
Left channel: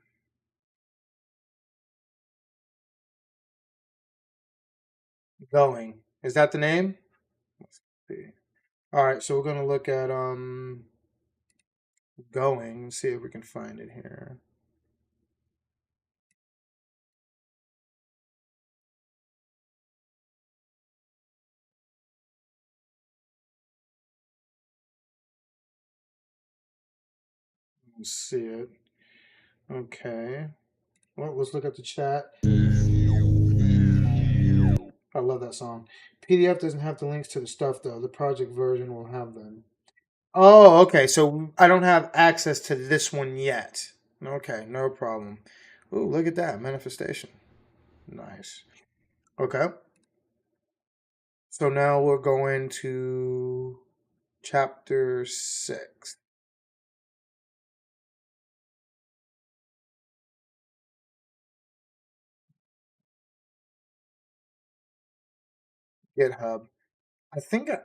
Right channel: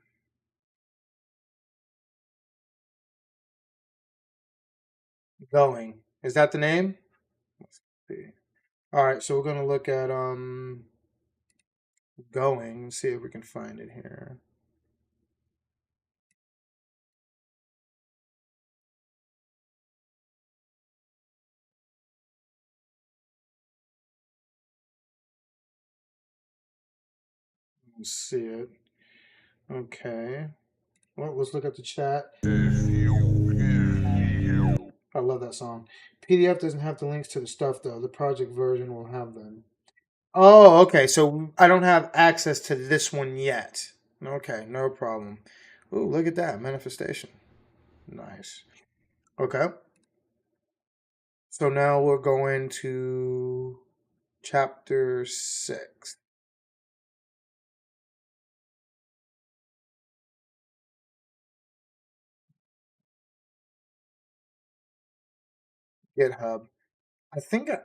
Going. Is that the name? Let's see. All right, so we're gonna look at going and see if we can find it here. Let's see it. Okay. Well, let's look at the chat. I love that song. PDF doesn't have the links to the stuff though. The project version will have them. Oh, okay. So I don't have access to this one yet. Okay, no problem. Ooh, look at that manifestation. Nice. Okay. So now we're going to chapter 6. GitHub.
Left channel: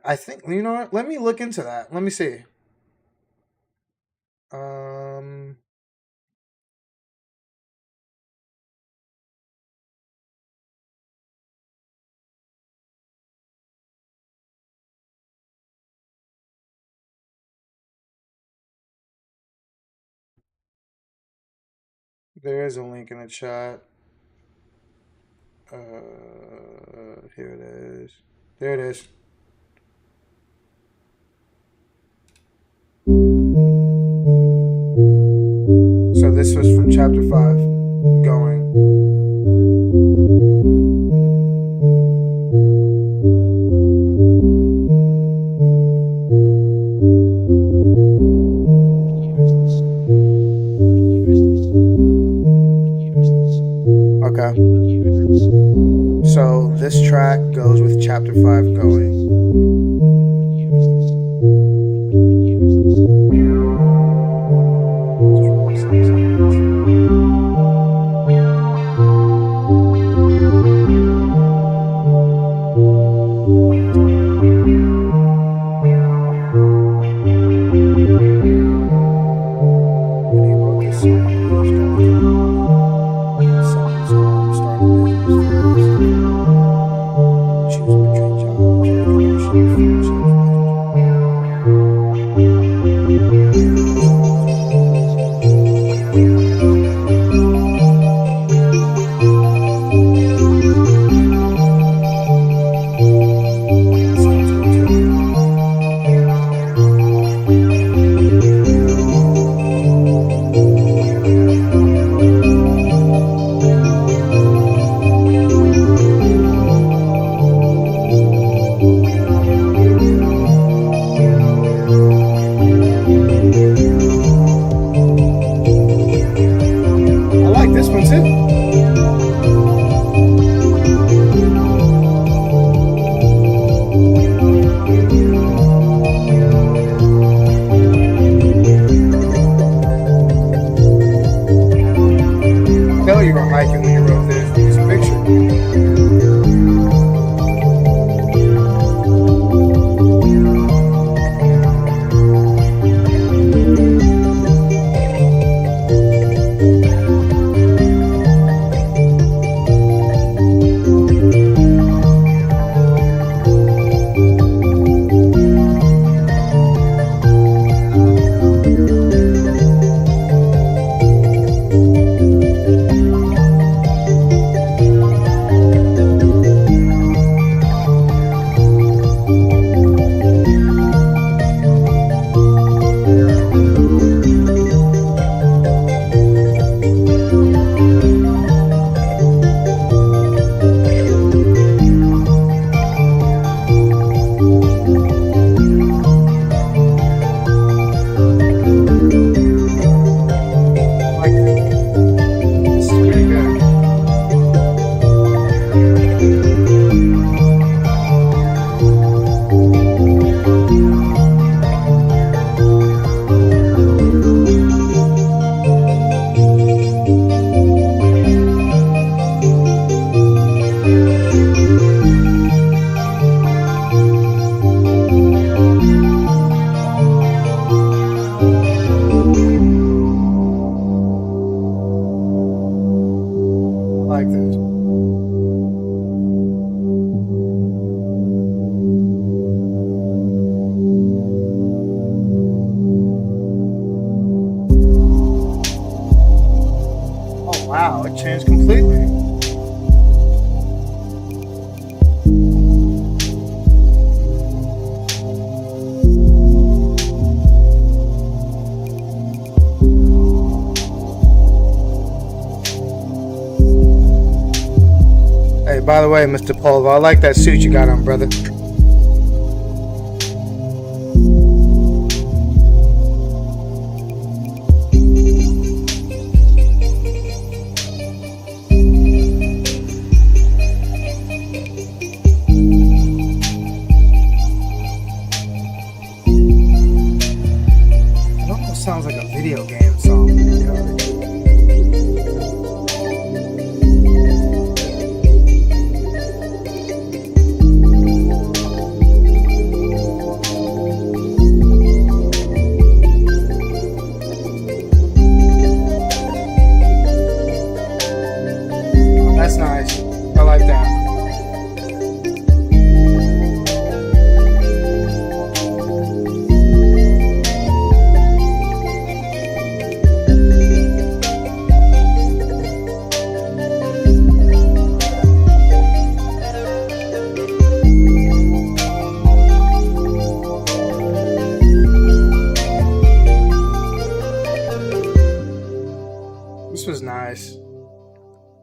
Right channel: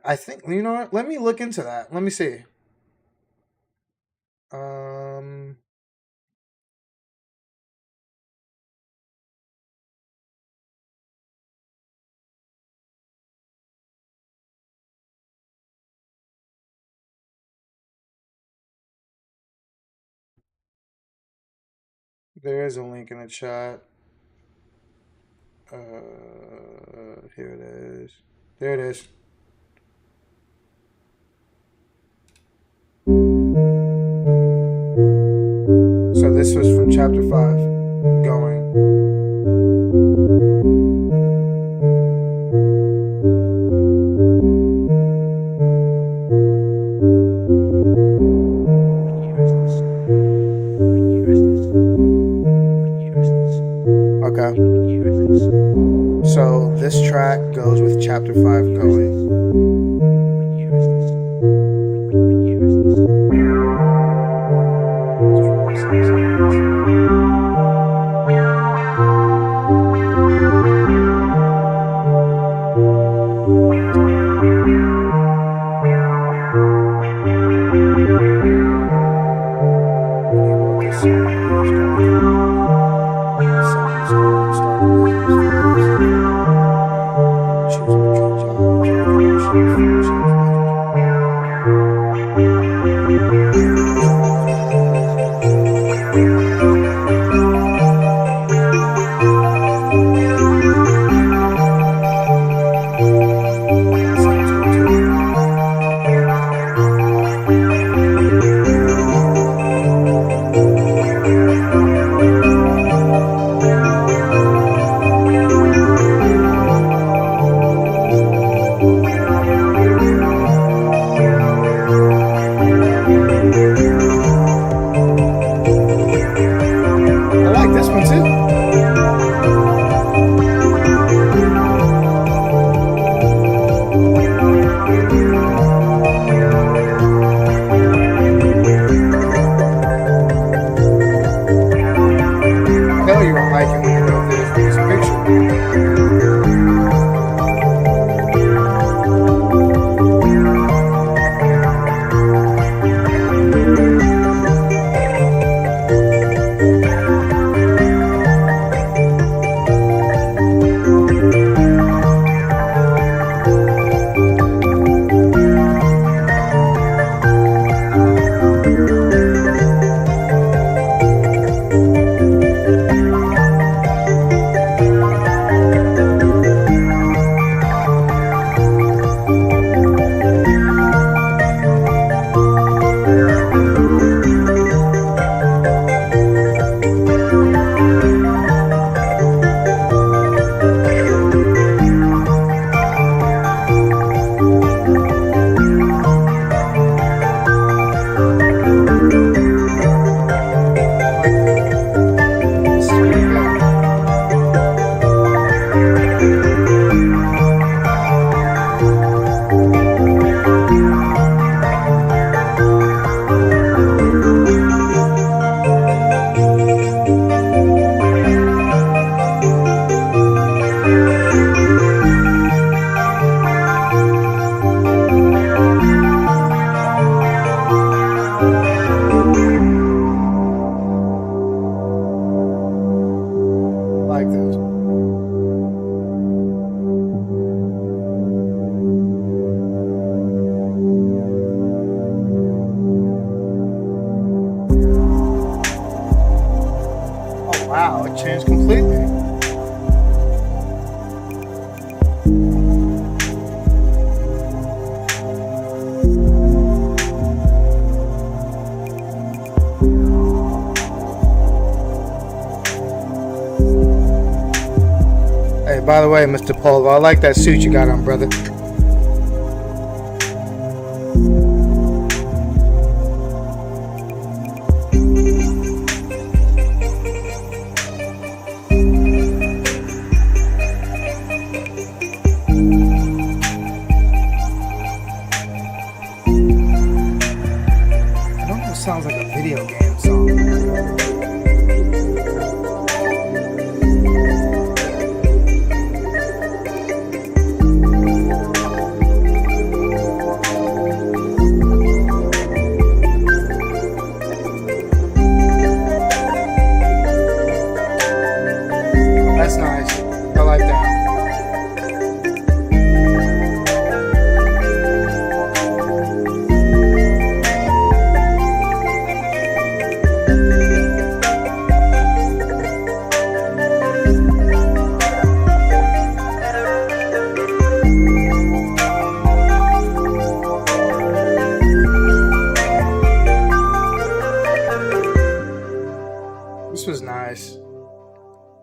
I think you know what? Let me look into that. Let me see. Um there is a link in the chat. Here it is. There it is. So this was from chapter 5. Going. Okay. So this track goes with chapter 5 going. When he wrote this song, he was going through a lot. Selling his home, starting a business for music, choosing between jobs, relationships, friendships, sounds good too. I like this one too. tell you were hiking when you wrote this picture. I like this. This is pretty good. I like this. Oh wow, it changed completely. Hey, by the way, Mr. Pulver, I like that suit you got on, brother. It almost sounds like a video game song. You know what I mean? That's nice. I like that. This was nice.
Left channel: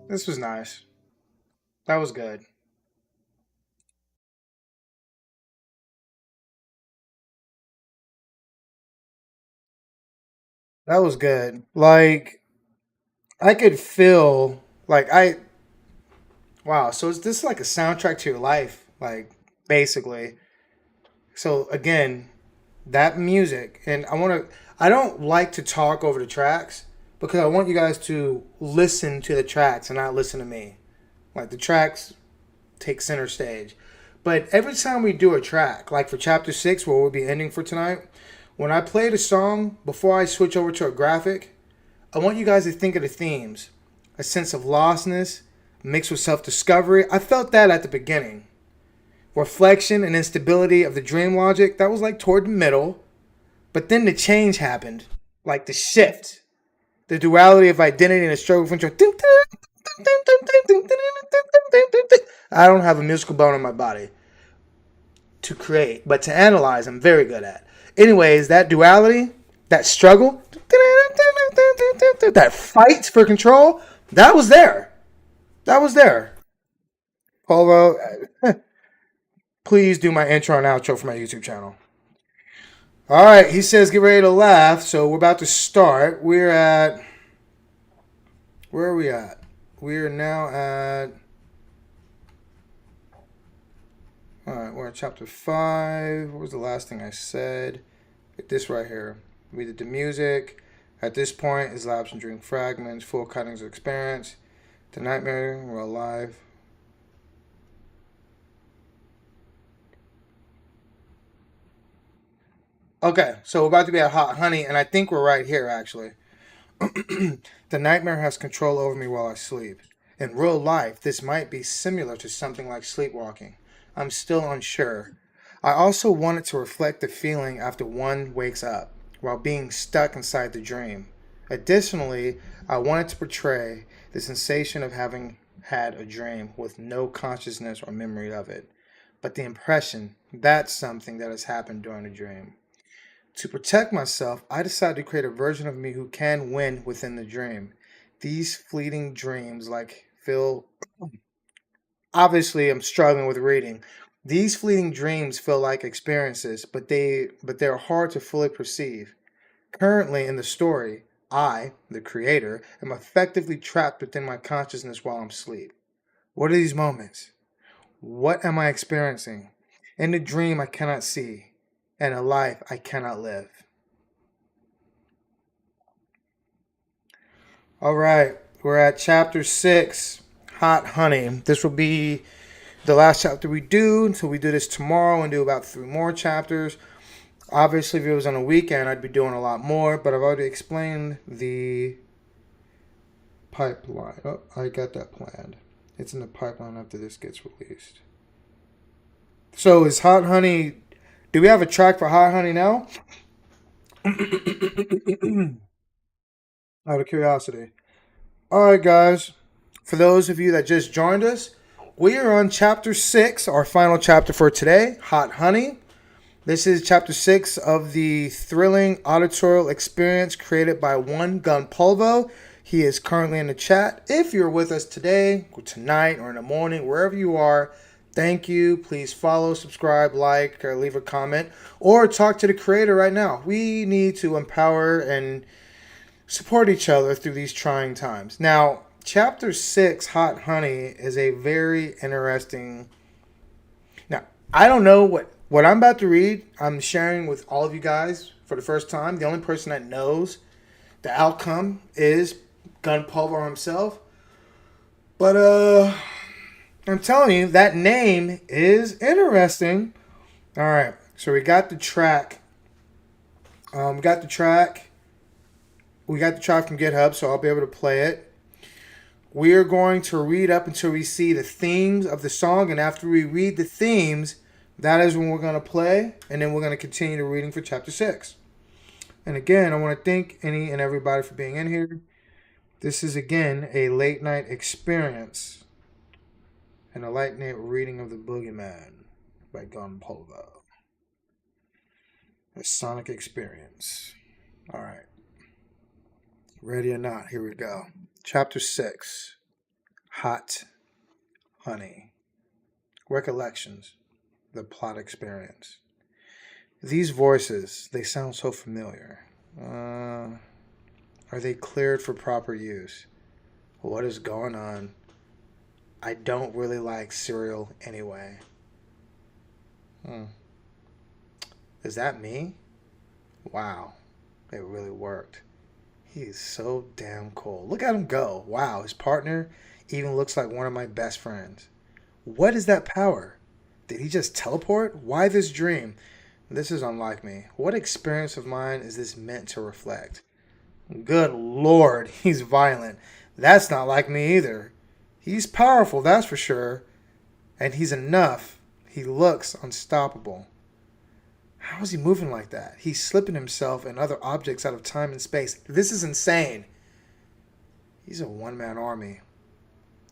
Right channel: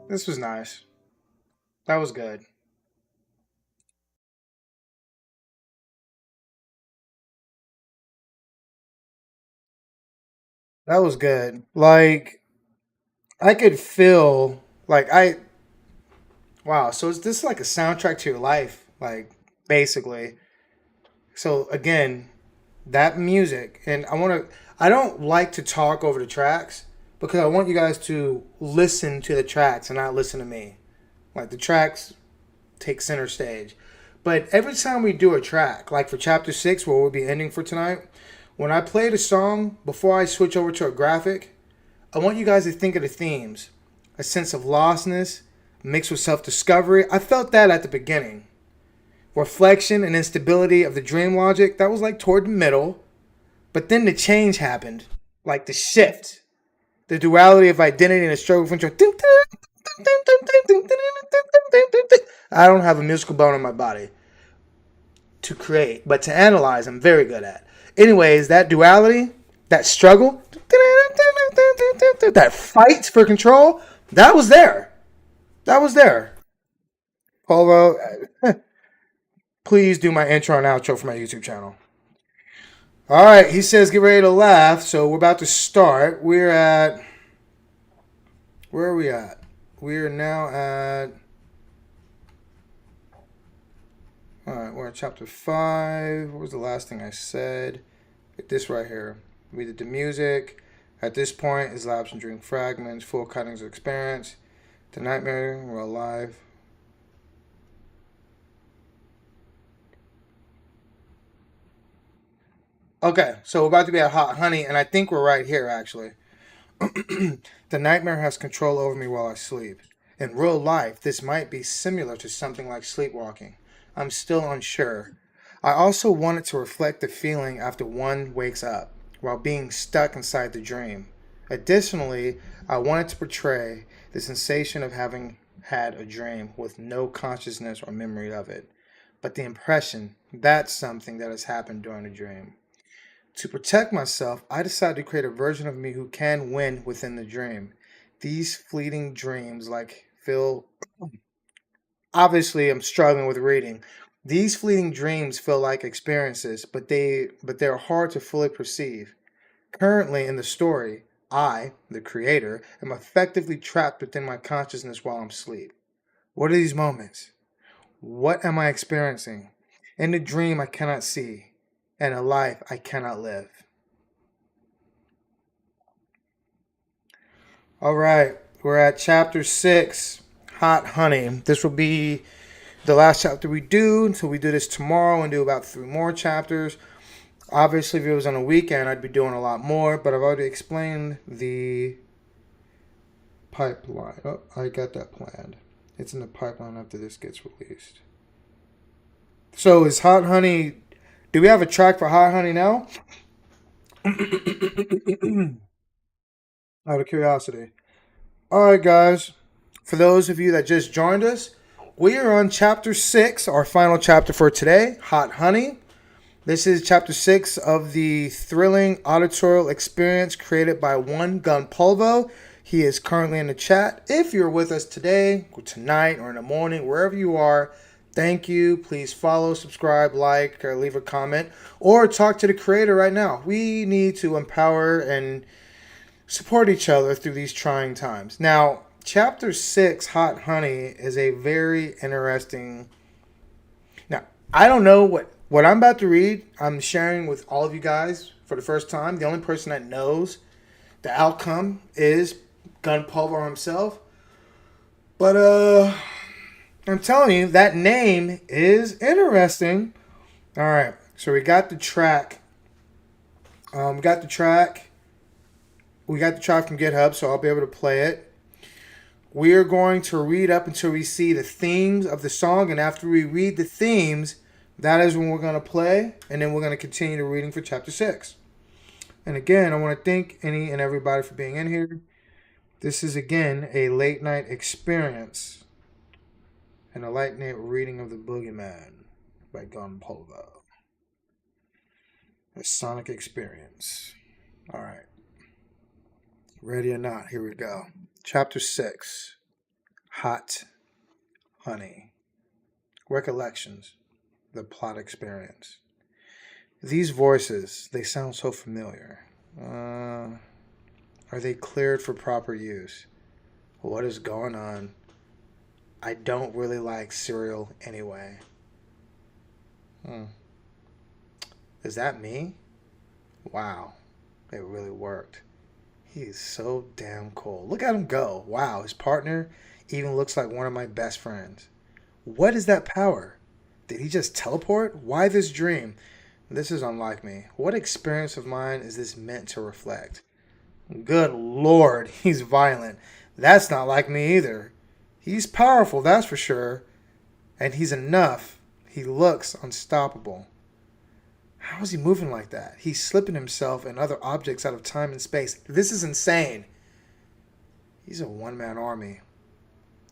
This was nice. That was good. That was good. Like I could feel like I wow, so is this like a soundtrack to your life? Like basically. So again, that music and I don't like to talk over the tracks because I want you guys to listen to the tracks and not listen to me. Like the tracks take center stage. But every time we do a track, like for chapter 6 where we'll be ending for tonight, when I play the song before I switch over to a graphic, I want you guys to think of the themes. A sense of lostness mixed with self-discovery. I felt that at the beginning. Reflection and instability of the dream logic, that was like toward the middle. But then the change happened. Like the shift. The duality of identity and the struggle for control. I don't have a musical bone in my body to create, but to analyze, I'm very good at. Anyways, that duality, that struggle, that fight for control, that was there. That was there. Polo, please do my intro and outro for my YouTube channel. All right, he says get ready to laugh, so we're about to start. We're at where are we at? We're now at all right, we're at chapter 5. What was the last thing I said? This right here. We did the music. At this point, his lapse and dream fragments, full cuttings of experience. The nightmare, we're alive. Okay, so we're about to be at Hot Honey, and I think we're right here, actually. The nightmare has control over me while I sleep. In real life, this might be similar to something like sleepwalking. I'm still unsure. I also wanted to reflect the feeling after one wakes up, while being stuck inside the dream. Additionally, I wanted to portray the sensation of having had a dream with no consciousness or memory of it, but the impression that's something that has happened during the dream. To protect myself, I decided to create a version of me who can win within the dream. These fleeting dreams, like feel. Obviously, I'm struggling with reading. These fleeting dreams feel like experiences, but they're hard to fully perceive. Currently in the story, I, the creator, am effectively trapped within my consciousness while I'm asleep. What are these moments? What am I experiencing? In the dream I cannot see, and a life I cannot live. All right, we're at chapter 6, Hot Honey. This will be the last chapter we do until we do this tomorrow and do about 3 more chapters. Obviously, if it was on a weekend, I'd be doing a lot more, but I've already explained the pipeline. Oh, I got that planned. It's in the pipeline after this gets released. So, is Hot Honey. Do we have a track for Hot Honey now? Out of curiosity. Alright, guys. For those of you that just joined us, we are on chapter 6, our final chapter for today, Hot Honey. This is chapter 6 of the thrilling auditorial experience created by One Gun Polvo. He is currently in the chat. If you're with us today, or tonight, or in the morning, wherever you are, thank you. Please follow, subscribe, like, or leave a comment, or talk to the creator right now. We need to empower and support each other through these trying times. Now, chapter 6, Hot Honey, is a very interesting. Now, I don't know what I'm about to read. I'm sharing with all of you guys for the first time. The only person that knows the outcome is Gun Pulver himself. But I'm telling you, that name is interesting. All right, so we got the track. We got the track. We got the track from GitHub, so I'll be able to play it. We are going to read up until we see the themes of the song, and after we read the themes, that is when we're going to play, and then we're going to continue the reading for chapter 6. And again, I want to thank any and everybody for being in here. This is, again, a late night experience and a late night reading of The Boogeyman by Gun Polvo. A sonic experience. All right. Ready or not, here we go. Chapter 6, Hot Honey. Recollections, the plot experience. These voices, they sound so familiar. Are they cleared for proper use? What is going on? I don't really like cereal anyway. Is that me? Wow, it really worked. He's so damn cool. Look at him go. Wow, his partner even looks like one of my best friends. What is that power? Did he just teleport? Why this dream? This is unlike me. What experience of mine is this meant to reflect? Good lord, he's violent. That's not like me either. He's powerful, that's for sure. And he's enough. He looks unstoppable. How is he moving like that? He's slipping himself and other objects out of time and space. This is insane. He's a one-man army.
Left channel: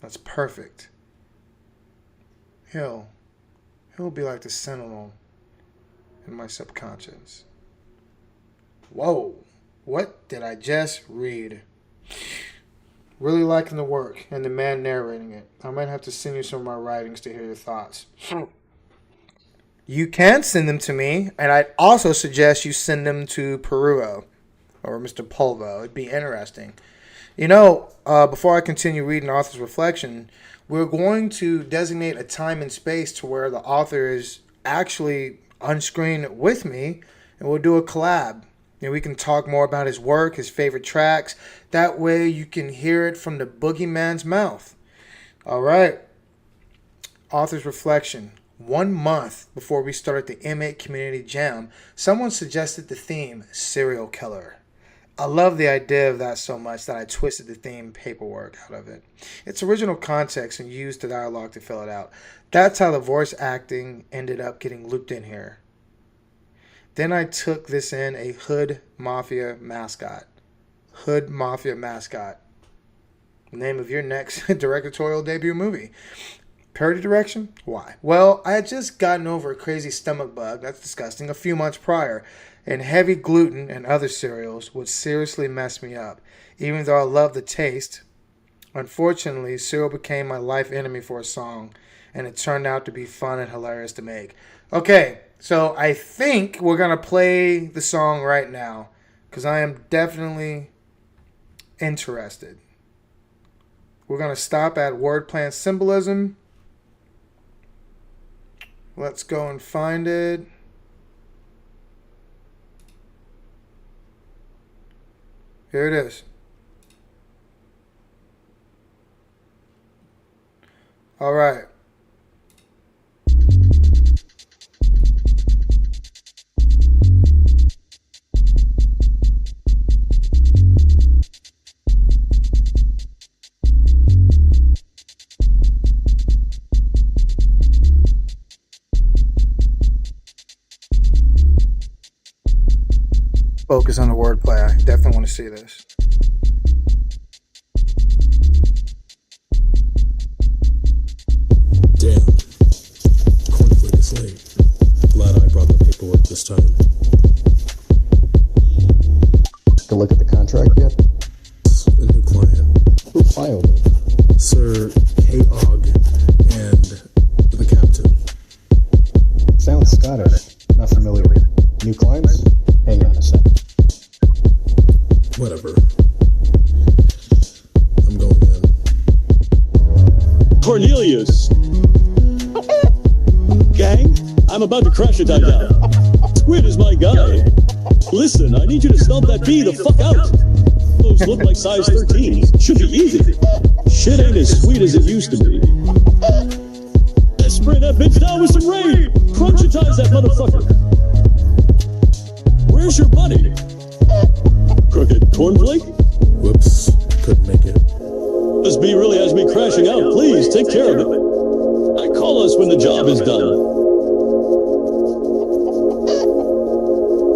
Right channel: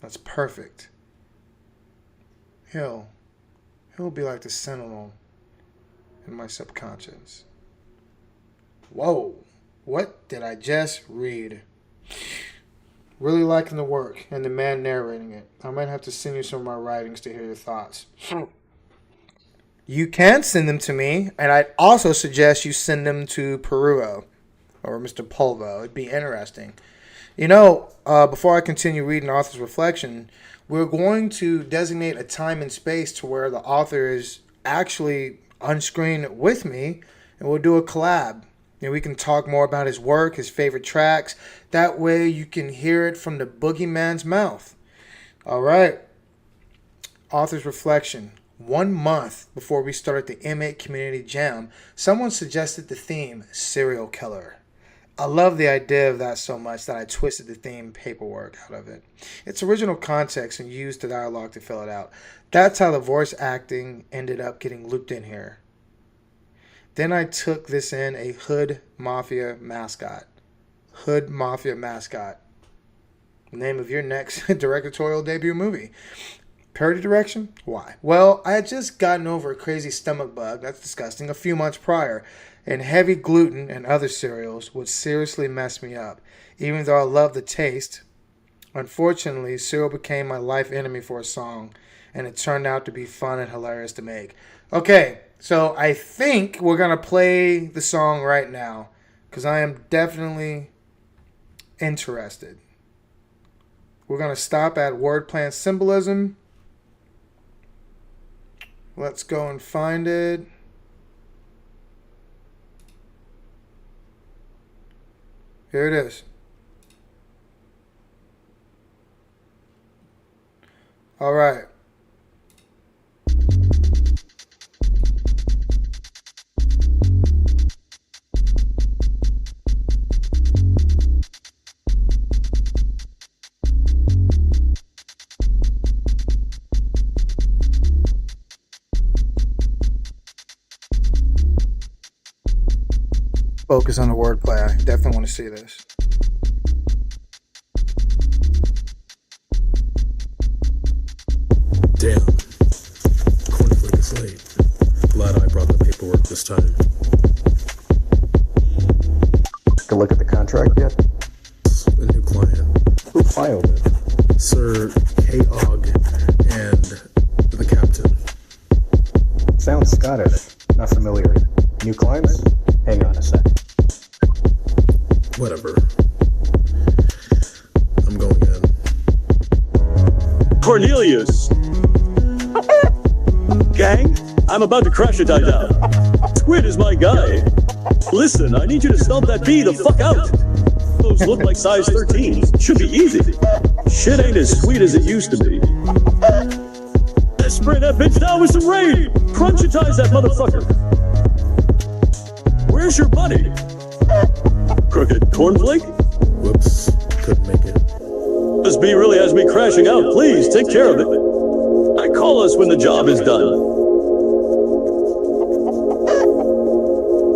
That's perfect. He'll be like the sentinel in my subconscious. Whoa. What did I just read? Really liking the work and the man narrating it. I might have to send you some of my writings to hear your thoughts. You can send them to me, and I'd also suggest you send them to Peruo or Mr. Polvo. It'd be interesting. Before I continue reading the author's reflection, we're going to designate a time and space to where the author is actually on screen with me, and we'll do a collab. And we can talk more about his work, his favorite tracks. That way you can hear it from the boogeyman's mouth. All right. Author's reflection. 1 month before we started the M8 Community Jam, someone suggested the theme, Serial Killer. I love the idea of that so much that I twisted the theme paperwork out of it. Its original context and used the dialogue to fill it out. That's how the voice acting ended up getting looped in here. Then I took this in a Hood Mafia mascot. Hood Mafia mascot. Name of your next directorial debut movie. Parody direction? Why? Well, I had just gotten over a crazy stomach bug, that's disgusting, a few months prior, and heavy gluten and other cereals would seriously mess me up. Even though I love the taste, unfortunately, cereal became my life enemy for a song, and it turned out to be fun and hilarious to make. Okay, so I think we're going to play the song right now, because I am definitely interested. We're going to stop at wordplay and symbolism. Let's go and find it. Here it is. All right. Focus on the wordplay. I definitely want to see this. Damn. It's late. Glad I brought the paperwork this time. Take a look at the contract yet? It's a new client. Who filed it? Sir K-Og and the captain. Sounds Scottish. Not familiar. New clients? Hang on a sec. Whatever. I'm going in. Cornelius! Gang, I'm about to crash a down. Squid is my guy. Listen, I need you to stomp that bee the fuck out. Those look like size 13. Should be easy. Shit ain't as sweet as it used to be. Let's spray that bitch down with some rain. Crunchitize that motherfucker. Where's your buddy? Crooked cornflake? Whoops. Couldn't make it. This bee really has me crashing out. Please take care of it. Call us when the job is done.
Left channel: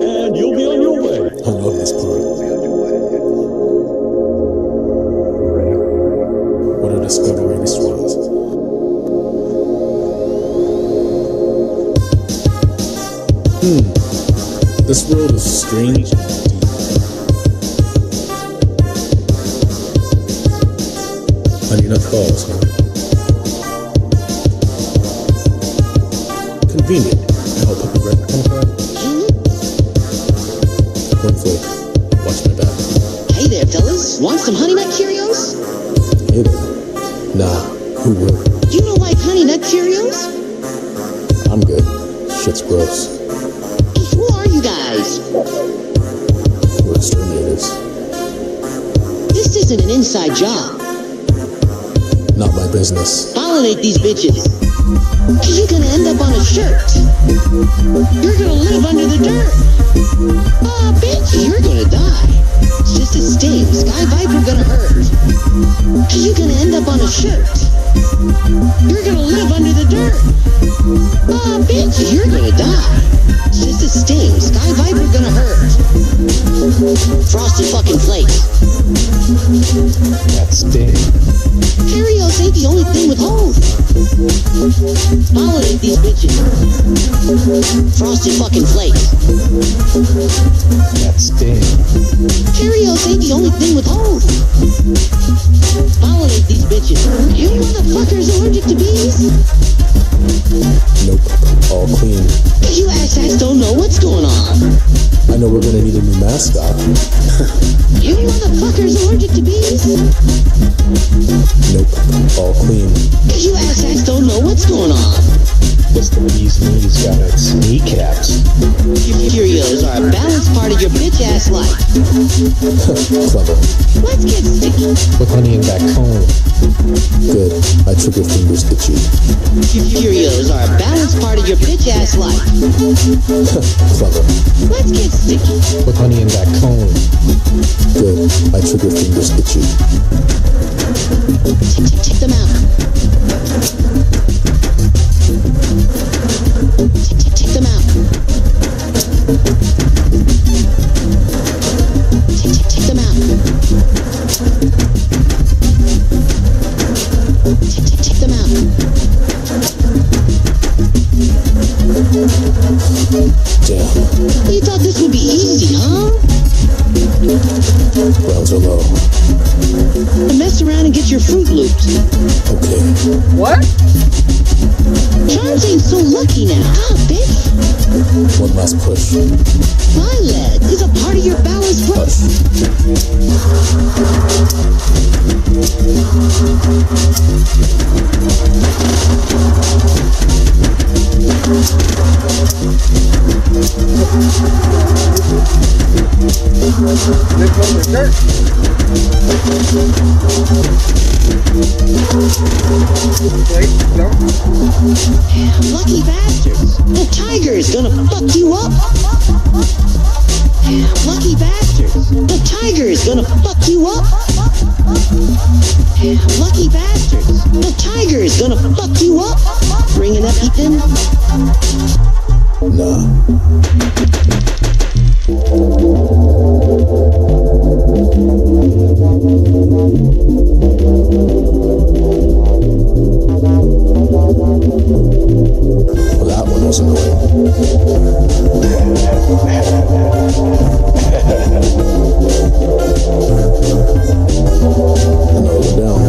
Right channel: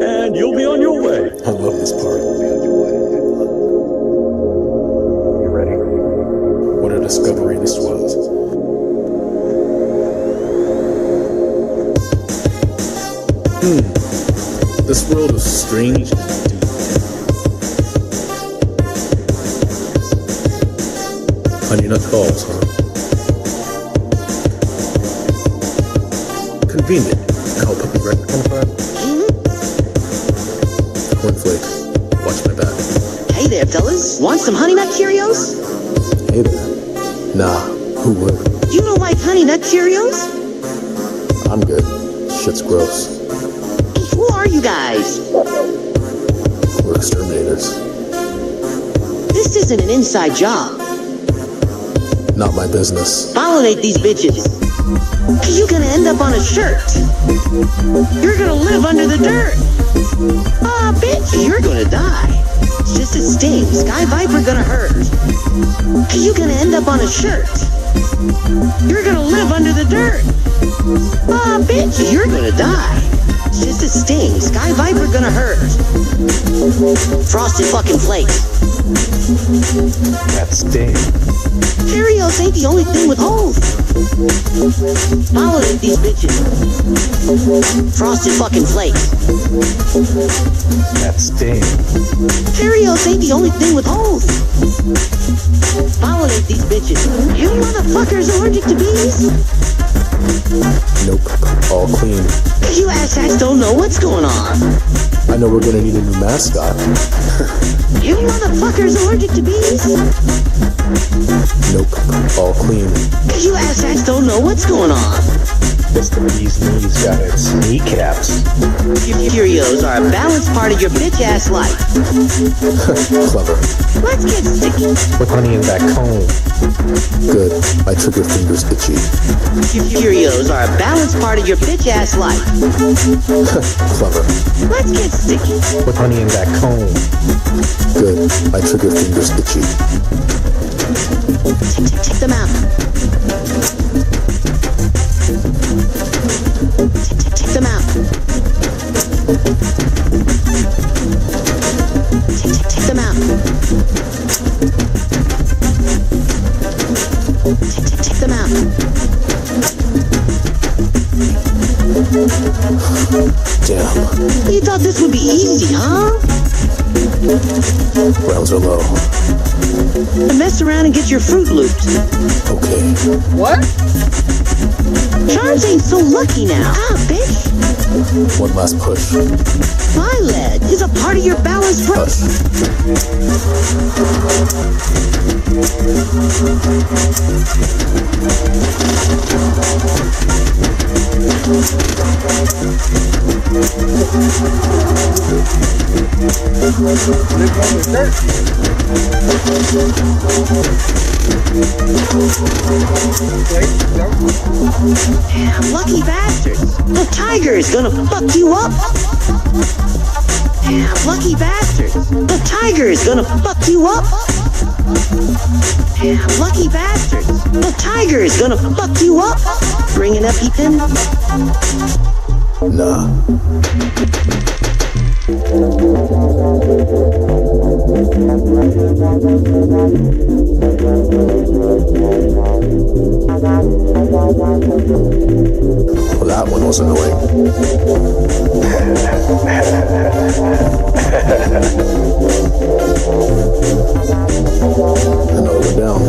And you'll be on your way. I love this part. You ready? What a discovery this was. This world is strange. Honey nut balls, huh? Convenient. Now I'll put me right back in front. Cornflake, watch my back. Hey there, fellas. Want some Honey Nut Cheerios? Hey there. Nah, who would? You don't like Honey Nut Cheerios? I'm good. Shit's gross. Who are you guys? We're exterminators. This isn't an inside job. Not my business. Pollinate these bitches. You're gonna end up on a shirt. You're gonna live under the dirt. Aw, bitch, you're gonna die. It's just a sting. Sky Viper gonna hurt. You're gonna end up on a shirt. You're gonna live under the dirt. Aw, bitch, you're gonna die. It's just a sting. Sky Viper gonna hurt. Frosted fucking flakes. That's Dave. Cheerios ain't the only thing with holes. Pollinate these bitches. Frosted fucking flakes. That's Dave. Cheerios ain't the only thing with holes. Pollinate these bitches. You motherfuckers allergic to bees? Nope. All clean. You asshats don't know what's going on. I know we're gonna need a new mascot. You motherfuckers allergic to bees? Nope. All clean. You asshats don't know what's going on. This the bee's knees got its kneecaps. Cheerios are a balanced part of of your bitch ass life. Clever. Let's get sticky. With honey in that comb. Good. My trigger finger's itchy. Cheerios are a balanced part of your bitch ass life. Clever. Let's get sticky. With honey in that comb. Good. My trigger finger's itchy. Check them out. Check them out. Check them out. Check them out. Damn. You thought this would be easy, huh? Rounds are low. Mess around and get your Fruit Loops. Okay. What? Charms ain't so lucky now. Ah, bitch. One last push. Violet is a part of your balanced Live on the dirt. Damn, lucky bastards. The tiger is gonna fuck you up. Damn, lucky bastards. The tiger is gonna fuck you up. Damn, lucky bastards. The tiger is gonna fuck you up. Bringing up Ethan. Nah. Well, that one was annoying. I know they're down.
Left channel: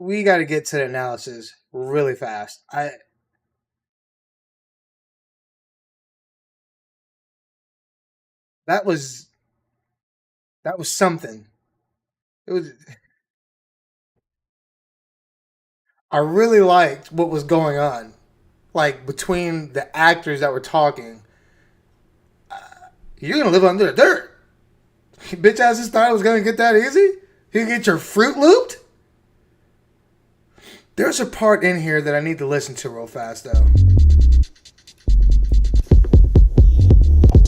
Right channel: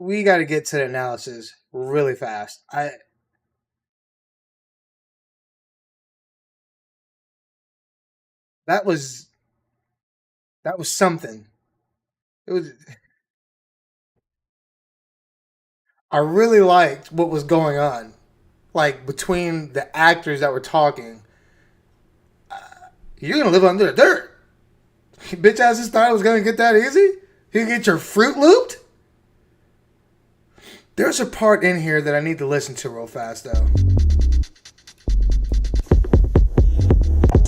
We got to get to the analysis really fast. That was something. It was. I really liked what was going on, like between the actors that were talking. You're gonna live under the dirt. Bitch ass just thought it was gonna get that easy. You can get your fruit looped. There's a part in here that I need to listen to real fast though.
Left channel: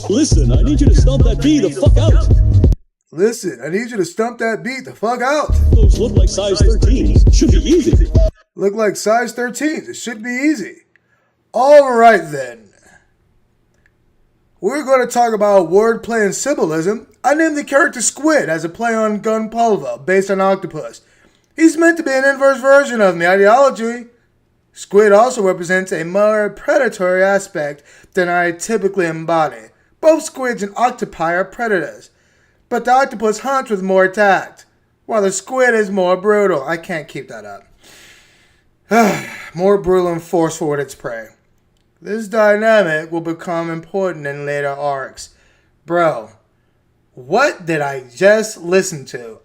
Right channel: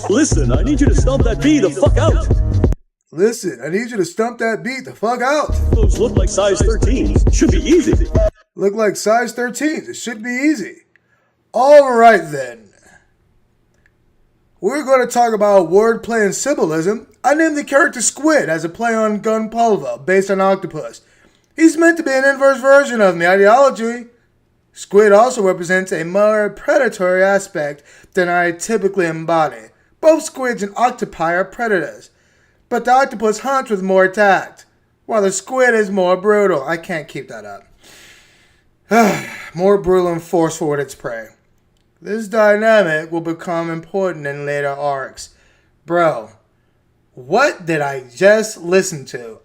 Listen, I need you to stomp that bee the fuck out. Listen, I need you to stump that beat the fuck out. Those look like size 13s. Should be easy. Look like size 13s. It should be easy. All right then. We're going to talk about wordplay and symbolism. I named the character Squid as a play on Gunpulver, based on octopus. He's meant to be an inverse version of my ideology. Squid also represents a more predatory aspect than I typically embody. Both squids and octopi are predators, but the octopus hunts with more tact, while the squid is more brutal. I can't keep that up. More brutal and forceful with its prey. This dynamic will become important in later arcs. Bro, what did I just listen to?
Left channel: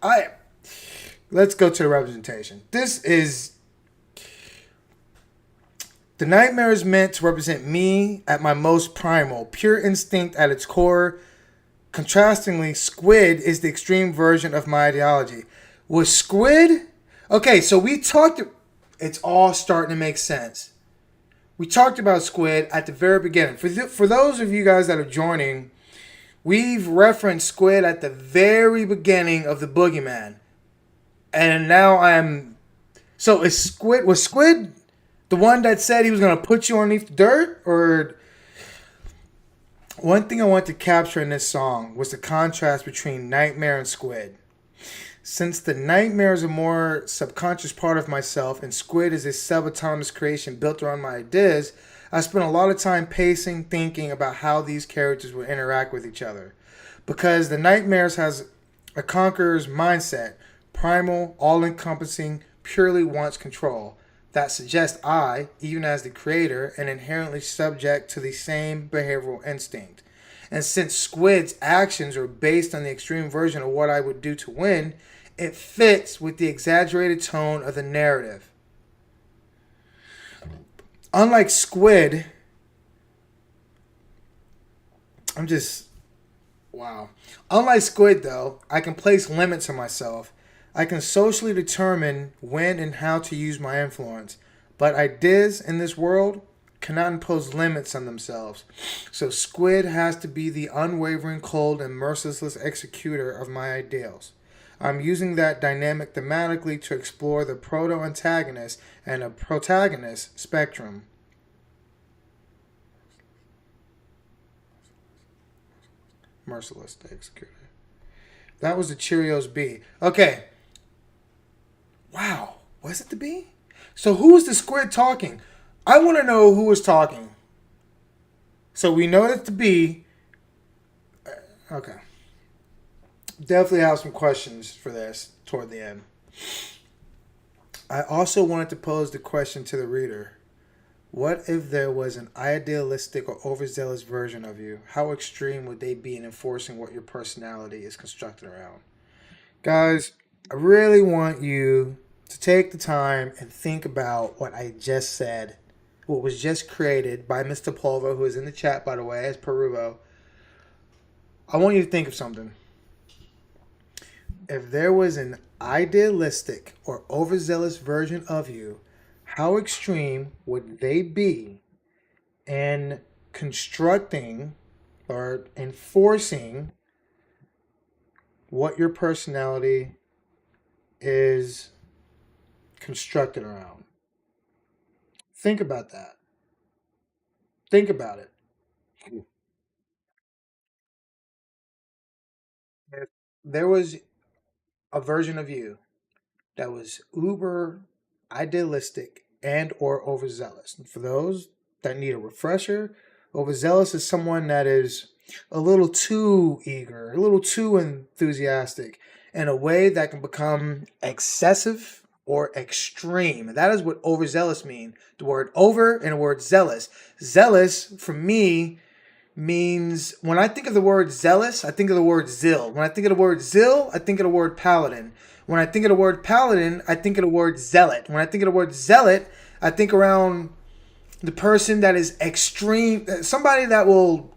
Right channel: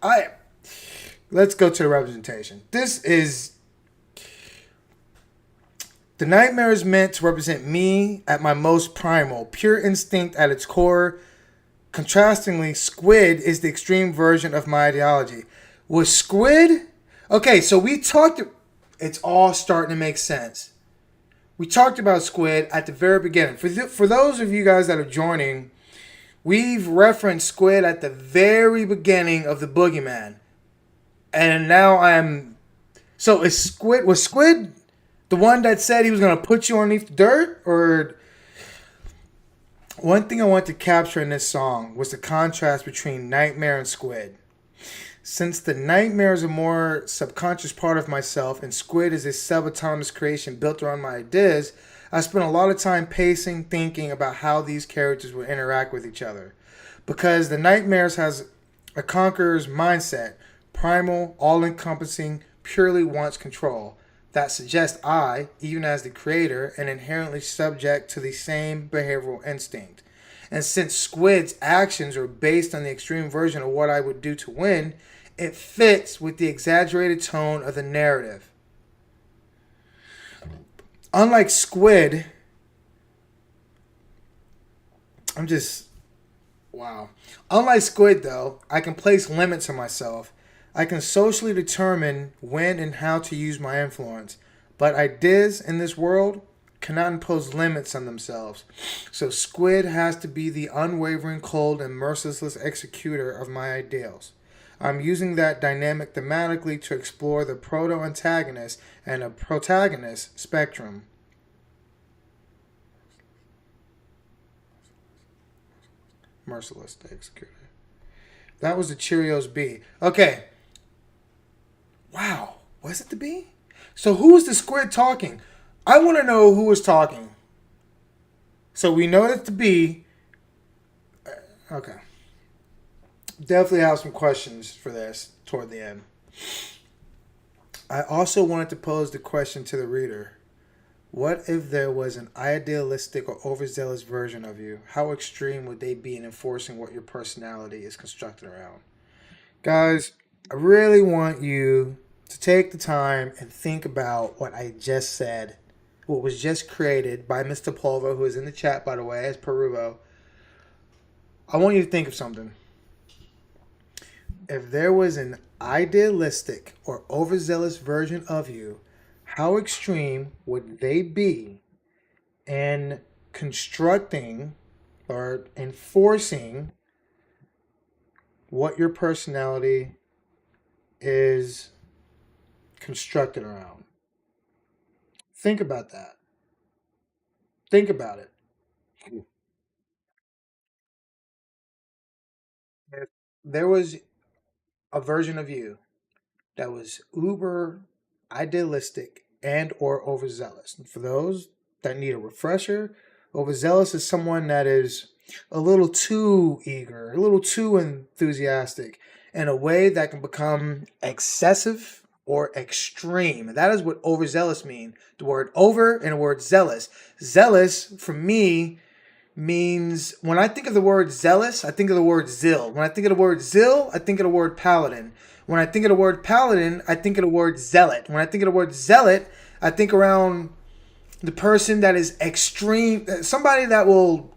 Let's go to the representation. This is... The nightmare is meant to represent me at my most primal, pure instinct at its core. Contrastingly, Squid is the extreme version of my ideology. Was Squid... Okay, so we talked... It's all starting to make sense. We talked about Squid at the very beginning. For those of you guys that are joining, we've referenced Squid at the very beginning of the Boogeyman. And now I'm... So was Squid the one that said he was going to put you underneath the dirt? Or... One thing I want to capture in this song was the contrast between Nightmare and Squid. Since the nightmare is a more subconscious part of myself and Squid is a subatomic creation built around my ideas, I spent a lot of time pacing, thinking about how these characters would interact with each other. Because the nightmares has a conqueror's mindset, primal, all-encompassing, purely wants control. That suggests I, even as the creator, am inherently subject to the same behavioral instinct. And since Squid's actions are based on the extreme version of what I would do to win, it fits with the exaggerated tone of the narrative. Unlike Squid, I'm just wow. Unlike Squid, though, I can place limits on myself. I can socially determine when and how to use my influence. But ideas in this world cannot impose limits on themselves. So Squid has to be the unwavering, cold, and merciless executor of my ideals. I'm using that dynamic thematically to explore the proto-antagonist and a protagonist spectrum. Merciless executor. That was the Cheerios B. Okay. Wow. Was it the B? So who was the Squid talking? I want to know who was talking. So we know that the B. Okay. Definitely have some questions for this toward the end. I also wanted to pose the question to the reader. What if there was an idealistic or overzealous version of you? How extreme would they be in enforcing what your personality is constructed around? Guys, I really want you to take the time and think about what I just said, what was just created by Mr. Polvo, who is in the chat, by the way, as Peruvo. I want you to think of something. If there was an idealistic or overzealous version of you, how extreme would they be in constructing or enforcing what your personality is constructed around? Think about that. Think about it. If there was a version of you that was uber idealistic and or overzealous. And for those that need a refresher, overzealous is someone that is a little too eager, a little too enthusiastic in a way that can become excessive or extreme. And that is what overzealous mean. The word over and the word zealous. Zealous for me means when I think of the word zealous, I think of the word zeal. When I think of the word zeal, I think of the word paladin. When I think of the word paladin, I think of the word zealot. When I think of the word zealot, I think around the person that is extreme, somebody that will.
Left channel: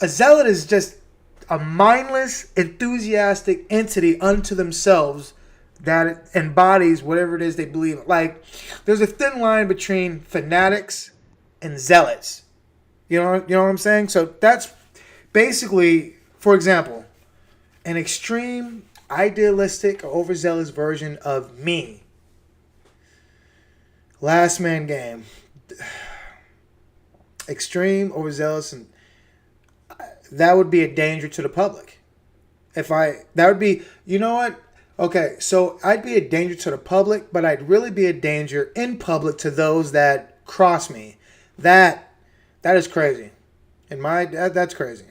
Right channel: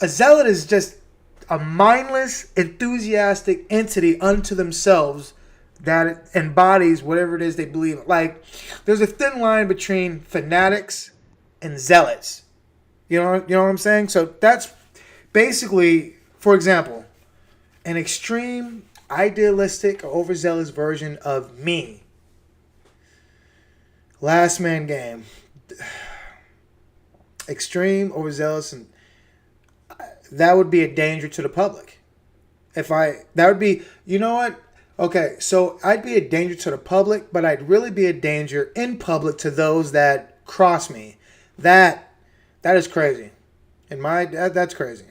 A zealot is just a mindless, enthusiastic entity unto themselves that embodies whatever it is they believe. Like, there's a thin line between fanatics and zealots. You know what I'm saying? So that's basically, for example, an extreme, idealistic, or overzealous version of me. Last man game. Extreme, overzealous, and that would be a danger to the public. That would be, you know what? Okay, so I'd be a danger to the public, but I'd really be a danger in public to those that cross me. That is crazy. That's crazy.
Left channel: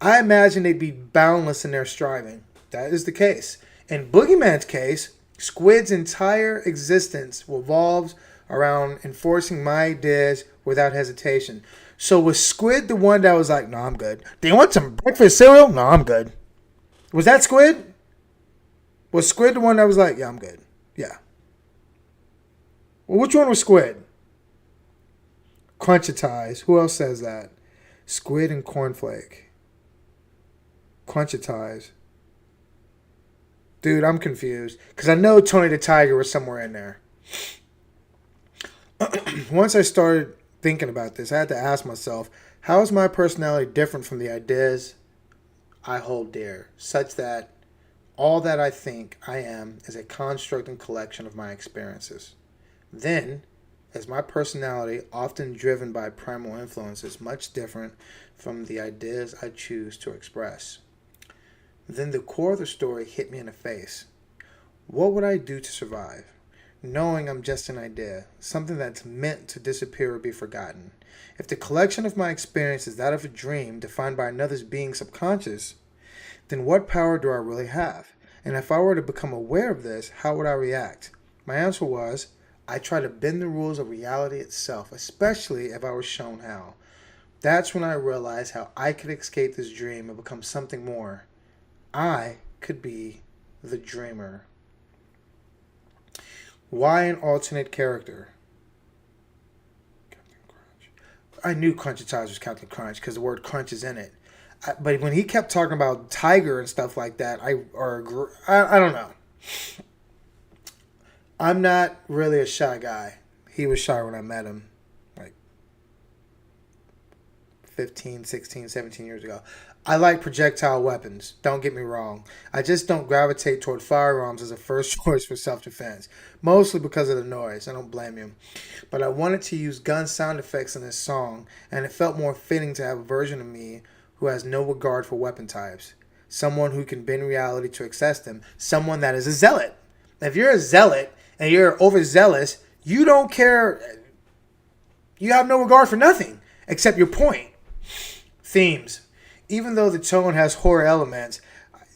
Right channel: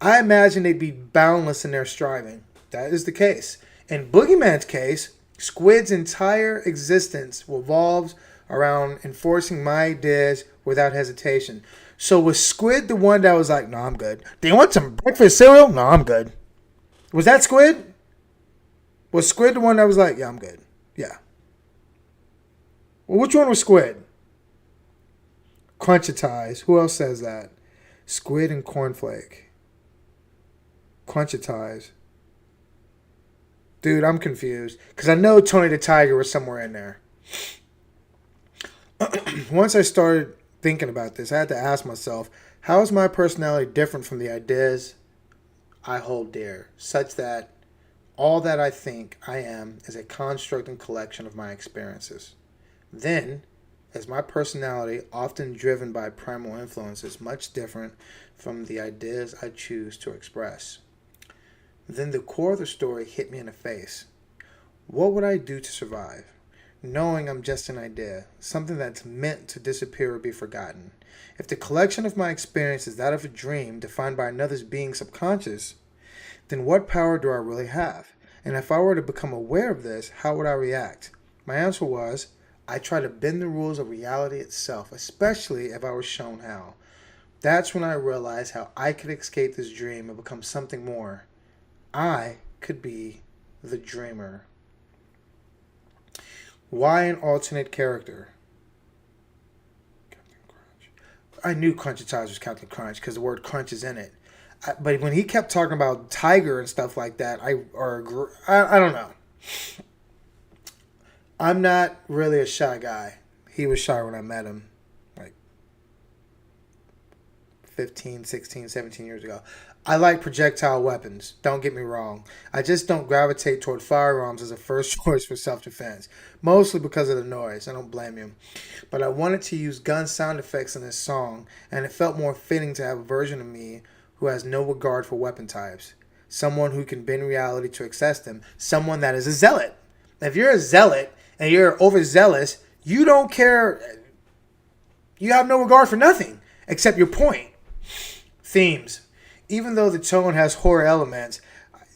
I imagine they'd be boundless in their striving. That is the case. In Boogeyman's case, Squid's entire existence revolves around enforcing my ideas without hesitation. So was Squid the one that was like, no, I'm good. Do you want some breakfast cereal? No, I'm good. Was that Squid? Was Squid the one that was like, yeah, I'm good? Yeah. Well, which one was Squid? Crunchitize. Who else says that? Squid and cornflake. Crunchitize. Dude, I'm confused. Because I know Tony the Tiger was somewhere in there. Once I started thinking about this, I had to ask myself, how is my personality different from the ideas I hold dear, such that all that I think I am is a construct and collection of my experiences? Then as my personality, often driven by primal influences, much different from the ideas I choose to express. Then the core of the story hit me in the face. What would I do to survive? Knowing I'm just an idea, something that's meant to disappear or be forgotten. If the collection of my experience is that of a dream defined by another's being subconscious, then what power do I really have? And if I were to become aware of this, how would I react? My answer was, I try to bend the rules of reality itself, especially if I was shown how. That's when I realized how I could escape this dream and become something more. I could be the dreamer. Why an alternate character? Captain Crunch. I knew Crunch was Captain Crunch because the word crunch is in it. But when he kept talking about tiger and stuff like that, I don't know. I'm not really a shy guy. He was shy when I met him, like 15, 16, 17 years ago. I like projectile weapons. Don't get me wrong. I just don't gravitate toward firearms as a first choice for self-defense, mostly because of the noise. I don't blame you. But I wanted to use gun sound effects in this song, and it felt more fitting to have a version of me who has no regard for weapon types. Someone who can bend reality to access them. Someone that is a zealot. If you're a zealot and you're overzealous, you don't care. You have no regard for nothing except your point. Themes. Even though the tone has horror elements,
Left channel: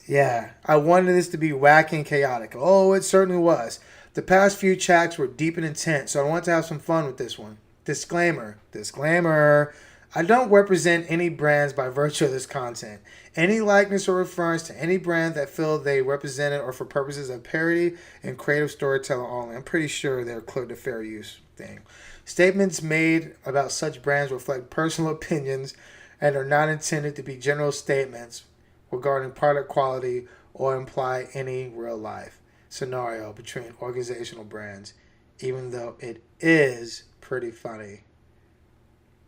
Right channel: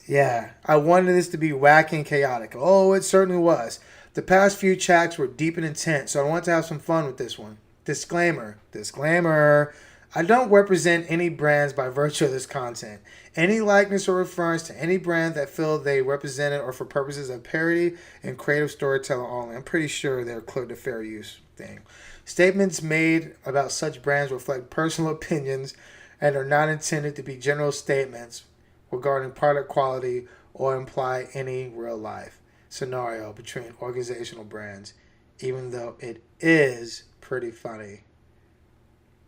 yeah, I wanted this to be wacky and chaotic. Oh, it certainly was. The past few tracks were deep and intense, so I want to have some fun with this one. Disclaimer. Disclaimer. I don't represent any brands by virtue of this content. Any likeness or reference to any brand that feel they represent it or for purposes of parody and creative storytelling only. I'm pretty sure they're clear to fair use thing. Statements made about such brands reflect personal opinions and are not intended to be general statements regarding product quality or imply any real life scenario between organizational brands, even though it is pretty funny.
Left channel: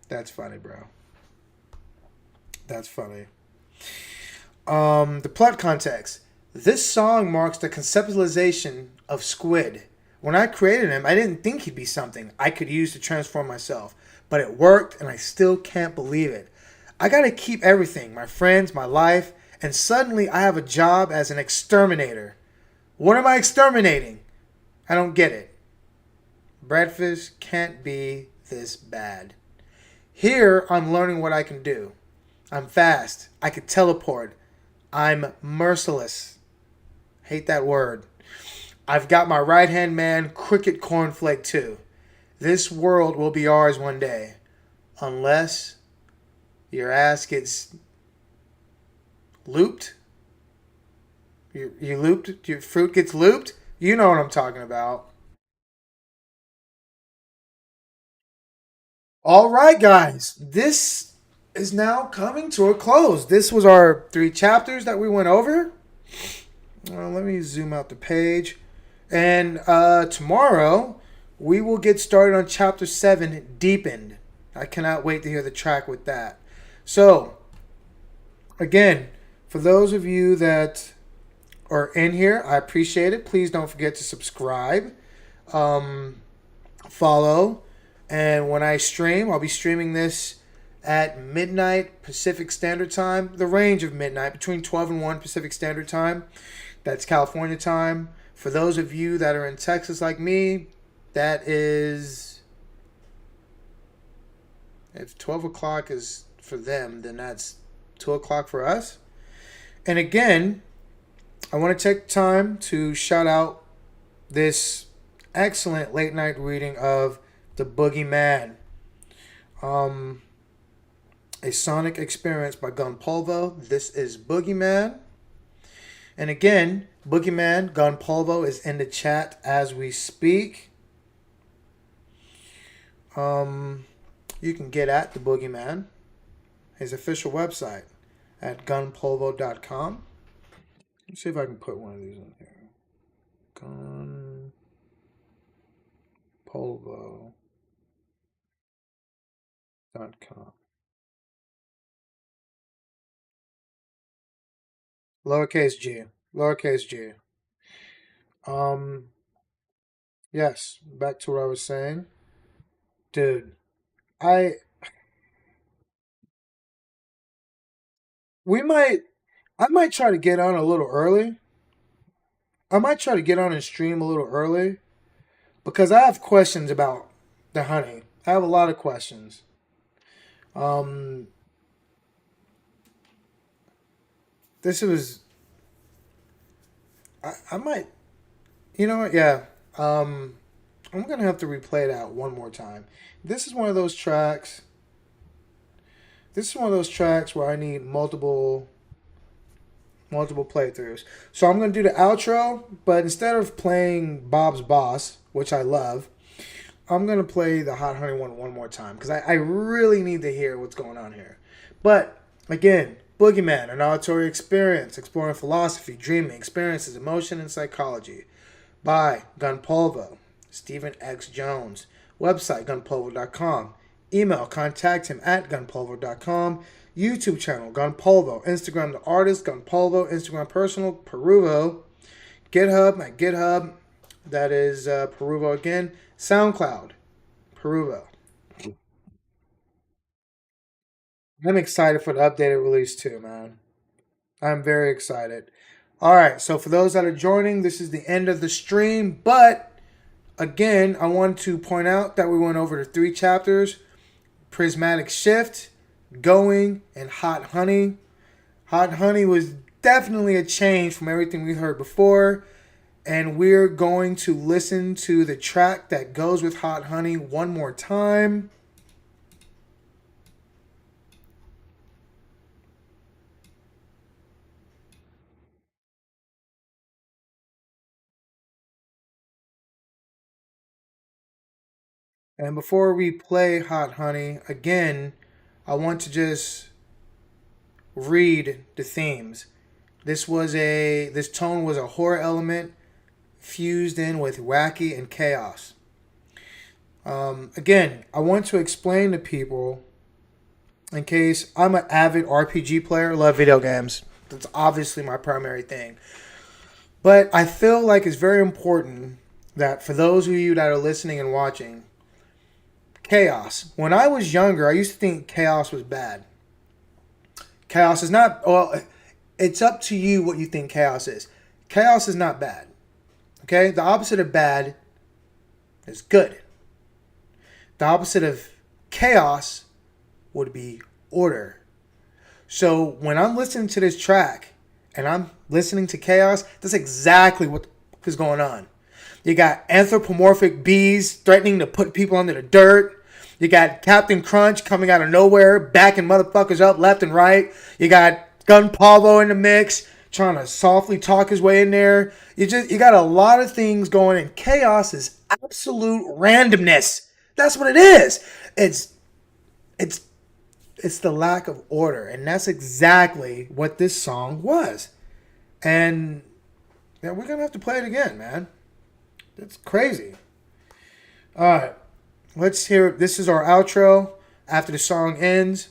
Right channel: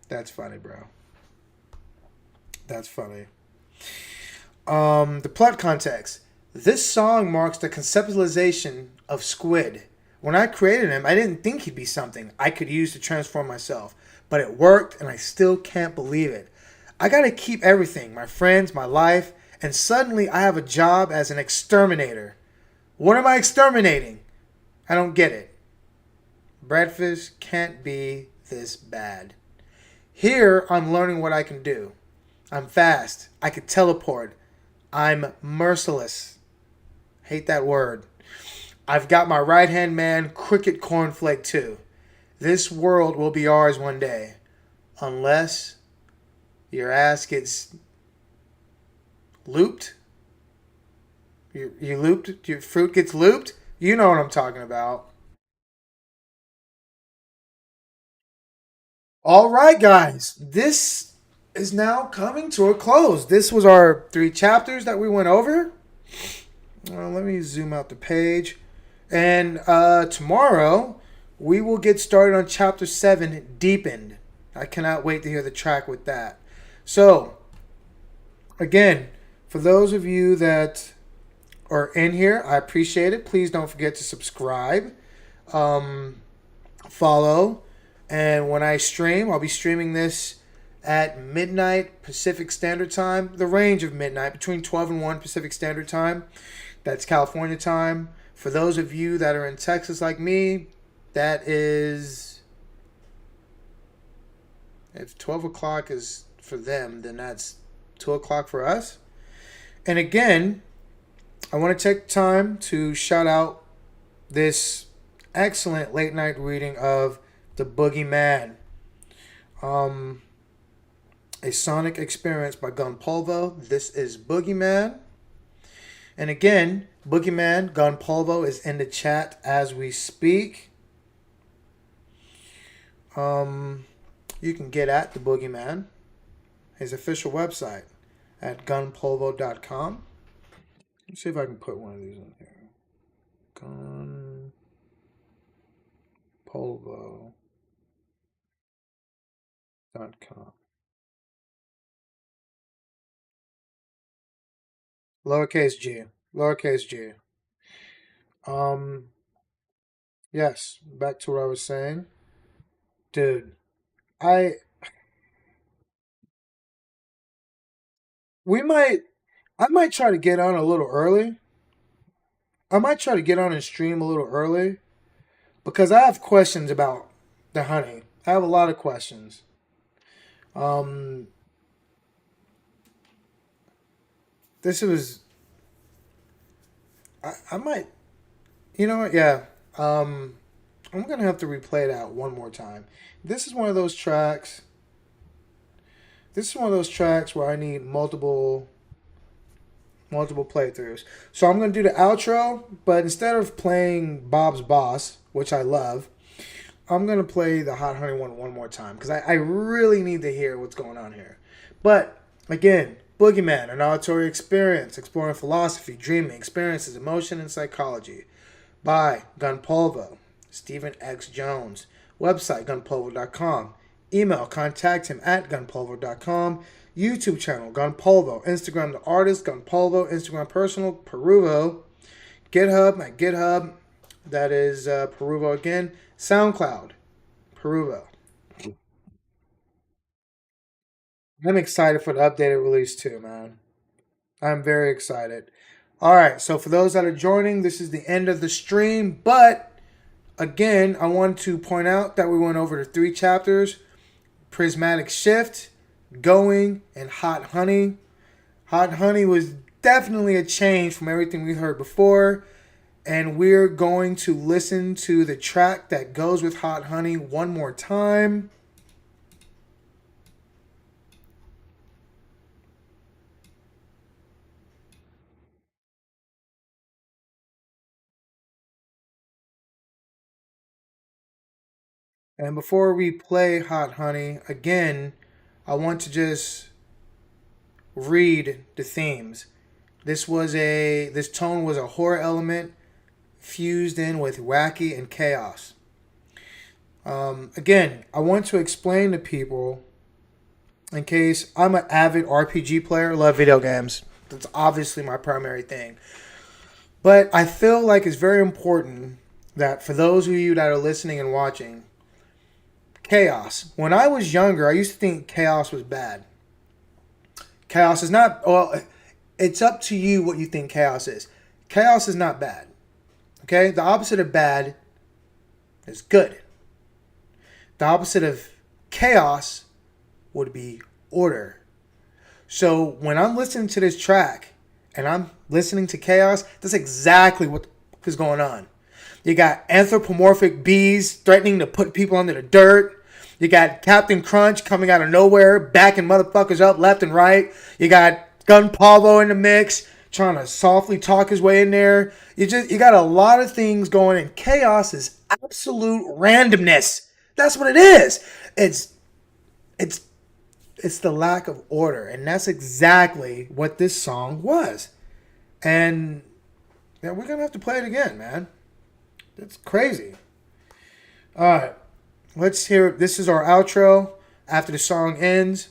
That's funny, bro. That's funny. The plot context. This song marks the conceptualization of Squid. When I created him, I didn't think he'd be something I could use to transform myself. But it worked, and I still can't believe it. I gotta keep everything, my friends, my life, and suddenly I have a job as an exterminator. What am I exterminating? I don't get it. Breakfast can't be this bad. Here, I'm learning what I can do. I'm fast. I can teleport. I'm merciless. Hate that word. I've got my right hand man, Cricket Cornflake, too. This world will be ours one day. Unless your ass gets looped. You looped? Your fruit gets looped? You know what I'm talking about. All right, guys. This is now coming to a close. This was our 3 chapters that we went over. Let me zoom out the page. And tomorrow, we will get started on chapter 7, Deepened. I cannot wait to hear the track with that. So, again, for those of you that are in here, I appreciate it. Please don't forget to subscribe, follow, and when I stream, I'll be streaming this at midnight Pacific Standard Time, the range of midnight, between 12 and 1 Pacific Standard Time. That's California time. For those of you that are in Texas like me, that is, if 12 o'clock is for them, then that's 2 o'clock for us. And again, I want to take time to shout out this excellent late night reading of The Boogeyman. A sonic experience by Gun Polvo. This is Boogeyman. And again, Boogeyman, Gun Polvo is in the chat as we speak. You can get at the Boogeyman, his official website at gunpolvo.com. Let's see if I can put one of these in here. Gunpolvo.com. Lowercase g. Lowercase g. Yes, back to what I was saying. Dude, I we might I might try to get on a little early. I might try to get on and stream a little early because I have questions about the honey. I have a lot of questions. Um, this was I might you know what? Yeah. Um, I'm gonna have to replay that one more time. This is one of those tracks. This is one of those tracks where I need multiple playthroughs. So I'm gonna do the outro, but instead of playing Bob's Boss, which I love, I'm gonna play the Hot Honey one more time because I really need to hear what's going on here. But again, Boogeyman, an auditory experience, exploring philosophy, dreaming, experiences, emotion, and psychology. By Gunpolvo, Stephen X. Jones. Website gunpolvo.com. Email contact him at gunpolvo.com. YouTube channel Gunpolvo. Instagram the artist Gunpolvo. Instagram personal Peruvo. GitHub at GitHub. That is Peruvo again. SoundCloud Peruvo. I'm excited for the updated release too, man. I'm very excited. All right, so for those that are joining, this is the end of the stream. But again, I want to point out that we went over the 3 chapters: Prismatic Shift, Going, and Hot Honey. Hot Honey was definitely a change from everything we heard before. And we're going to listen to the track that goes with Hot Honey one more time. And before we play Hot Honey, again, I want to just read the themes. This tone was a horror element fused in with wacky and chaos. Again, I want to explain to people, in case I'm an avid RPG player, love video games. That's obviously my primary thing. But I feel like it's very important that for those of you that are listening and watching, chaos. When I was younger, I used to think chaos was bad. Chaos is not, well, it's up to you what you think chaos is. Chaos is not bad. Okay? The opposite of bad is good. The opposite of chaos would be order. So when I'm listening to this track and I'm listening to chaos, that's exactly what is going on. You got anthropomorphic bees threatening to put people under the dirt. You got Captain Crunch coming out of nowhere, backing motherfuckers up left and right. You got Gunpolvo in the mix, trying to softly talk his way in there. You got a lot of things going, and chaos is absolute randomness. That's what it is. It's the lack of order, and that's exactly what this song was. And yeah, we're gonna have to play it again, man. That's crazy. All right, let's hear. This is our outro. After the song ends,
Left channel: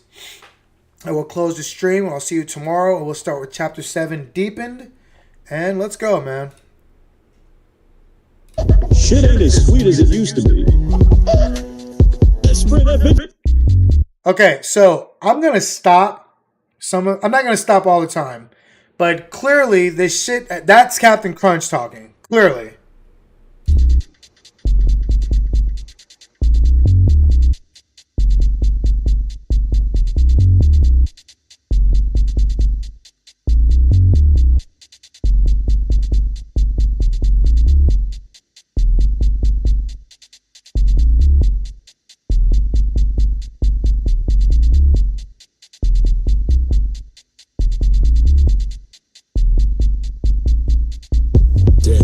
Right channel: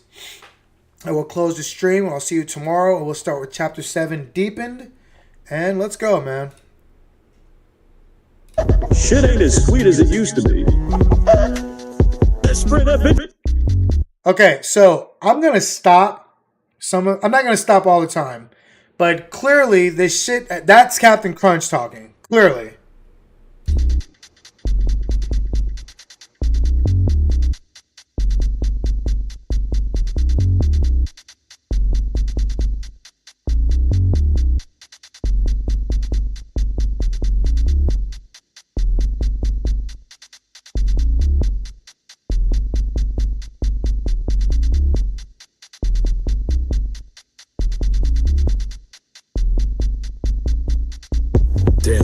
I will close the stream. I'll see you tomorrow, and we'll start with Chapter 7, Deepened. And let's go, man. Shit ain't as sweet as it used to be. Let's spray that bit. Okay, so I'm gonna stop. I'm not gonna stop all the time, but clearly this shit. That's Captain Crunch talking. Clearly. Damn.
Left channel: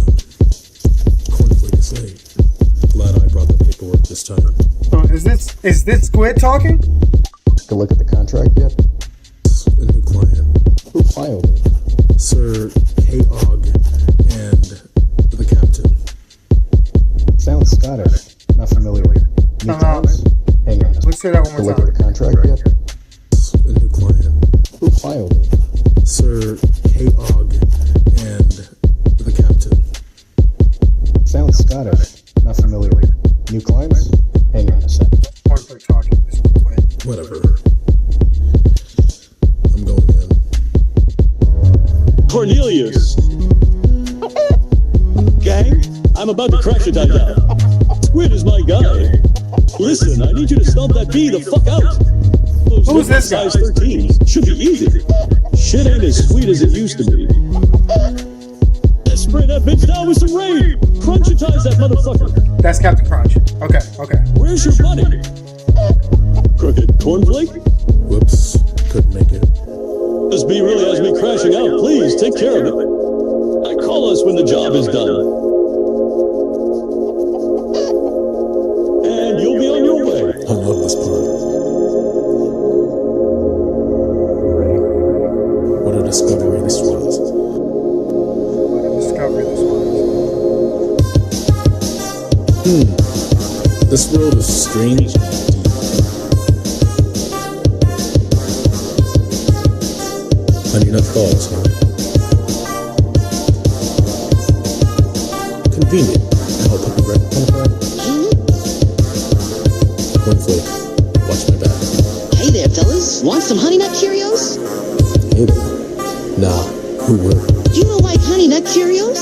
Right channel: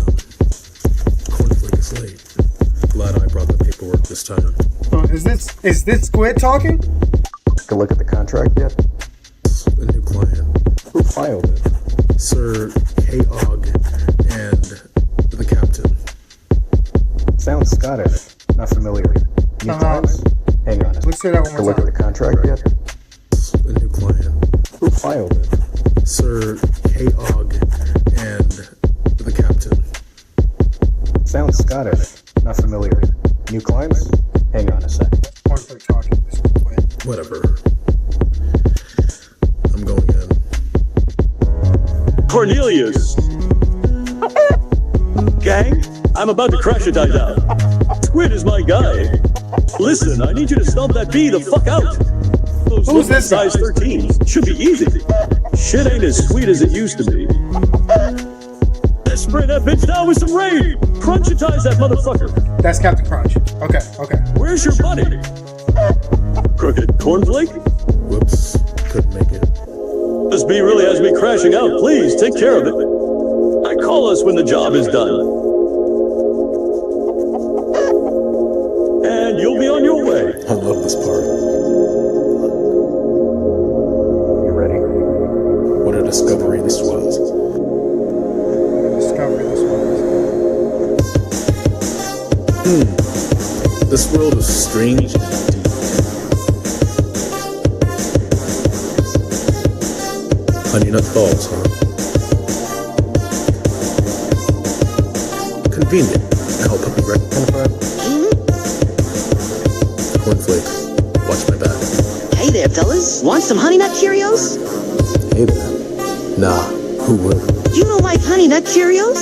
It's late. Glad I brought the paperwork this time. Oh, is this Squid talking? Take a look at the contract yet? A new client. Who filed it? Sir K-Og and the captain. Sounds Scottish. Not familiar. New out. clients? Hang on. Let's say that one more Take a look at the time. contract yet? A new client. Who filed it? Sir K-Og and the captain. Sounds Scottish. Not familiar. New clients? Hang on a sec. start talking this way. Whatever. I'm going in. Cornelius. Gang, I'm about to crash it down. Squid is my guy. Listen, I need you to stomp that bee the fuck out. Those Who's this guy? size 13s should be easy. Shit ain't as sweet as it used to be. Let's spray that bitch down with some rain. Crunchitize that motherfucker. That's Captain Crunch. Okay, okay. Where's your buddy? Crooked cornflake? Whoops. Couldn't make it. This bee really has me crashing out. Please take care of it. And call us when the job is done. And you'll be on your way. I love this part. You ready? What a discovery this was. What a discovery this was. This world is strange. Honey nut calls, huh? Convenient. Now puppy right identified. Cornflake. Watch my back. Hey there, fellas. Want some Honey Nut Cheerios? Hey there. Nah, who would? You don't like Honey Nut Cheerios?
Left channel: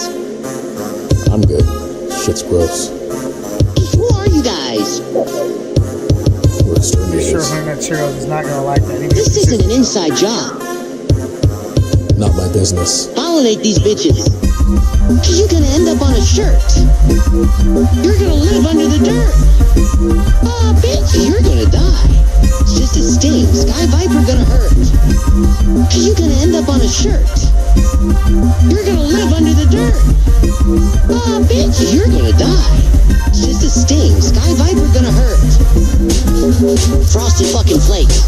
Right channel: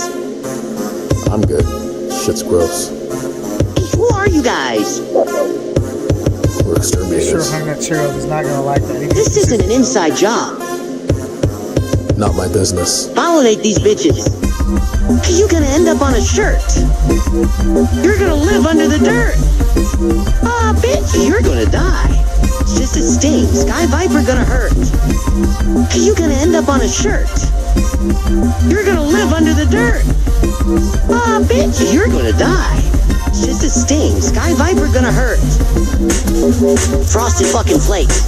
I'm good. Shit's gross. Who are you guys? We're You exterminators. sure Honey Nut Cheerios is not gonna like that, even if This he isn't says an so. inside job. Not my business. Pollinate these bitches. You're gonna end up on a shirt. You're gonna live under the dirt. Aw, bitch, you're gonna die. It's just a sting. Sky Viper gonna hurt. You're gonna end up on a shirt. You're gonna live under the dirt. Aw, bitch, you're gonna die. It's just a sting. Sky Viper gonna hurt. Frosted fucking flakes.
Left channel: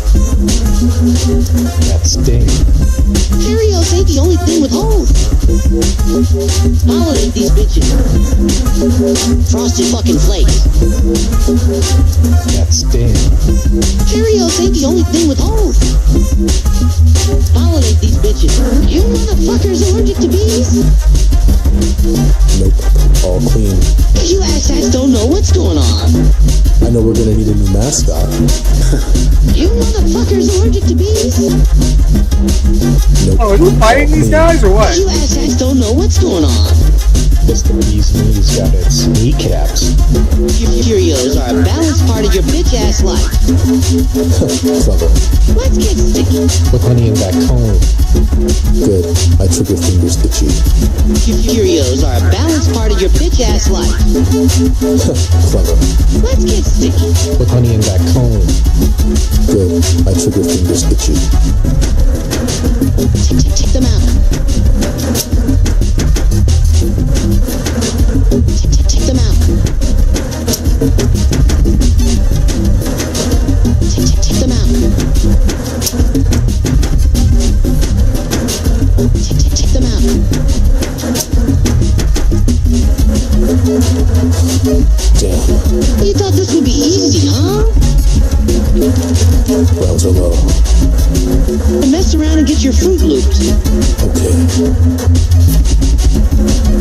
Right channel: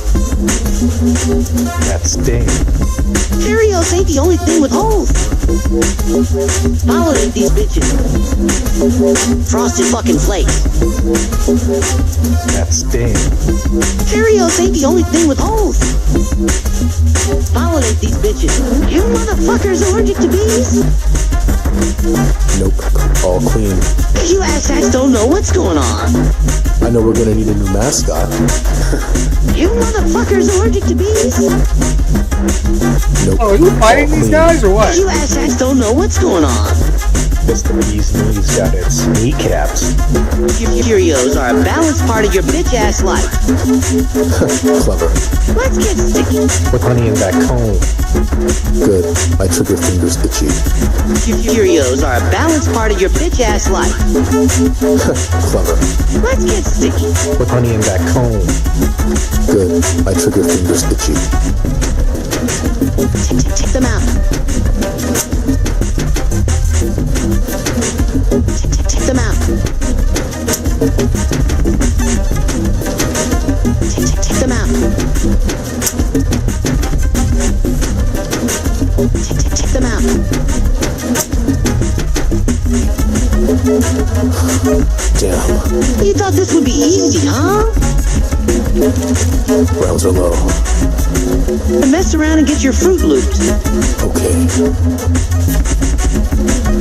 That sting. Cheerios ain't the only thing with holes. Pollinate these bitches. Frosted fucking flakes. That sting. Cheerios ain't the only thing with holes. Pollinate these bitches. You motherfuckers allergic to bees? Nope. All clean. You asshats don't know what's going on. I know we're gonna need a new mascot. You motherfuckers allergic to bees? Oh, are you fighting these guys or what? You asshats don't know what's going on. It's the bee's knees got its kneecaps. Cheerios are a balanced part of your bitch ass life. Clever. Let's get sticky. With honey in that cone. Good. My trigger finger's itchy. Cheerios are a balanced part of your bitch ass life. Clever. Let's get sticky. With honey in that cone. Good. My trigger finger's itchy. Check them out. Check them out. Check them out. Check them out. Damn. You thought this would be easy, huh? Rounds are low. Mess around and get your Fruit Loops. Okay.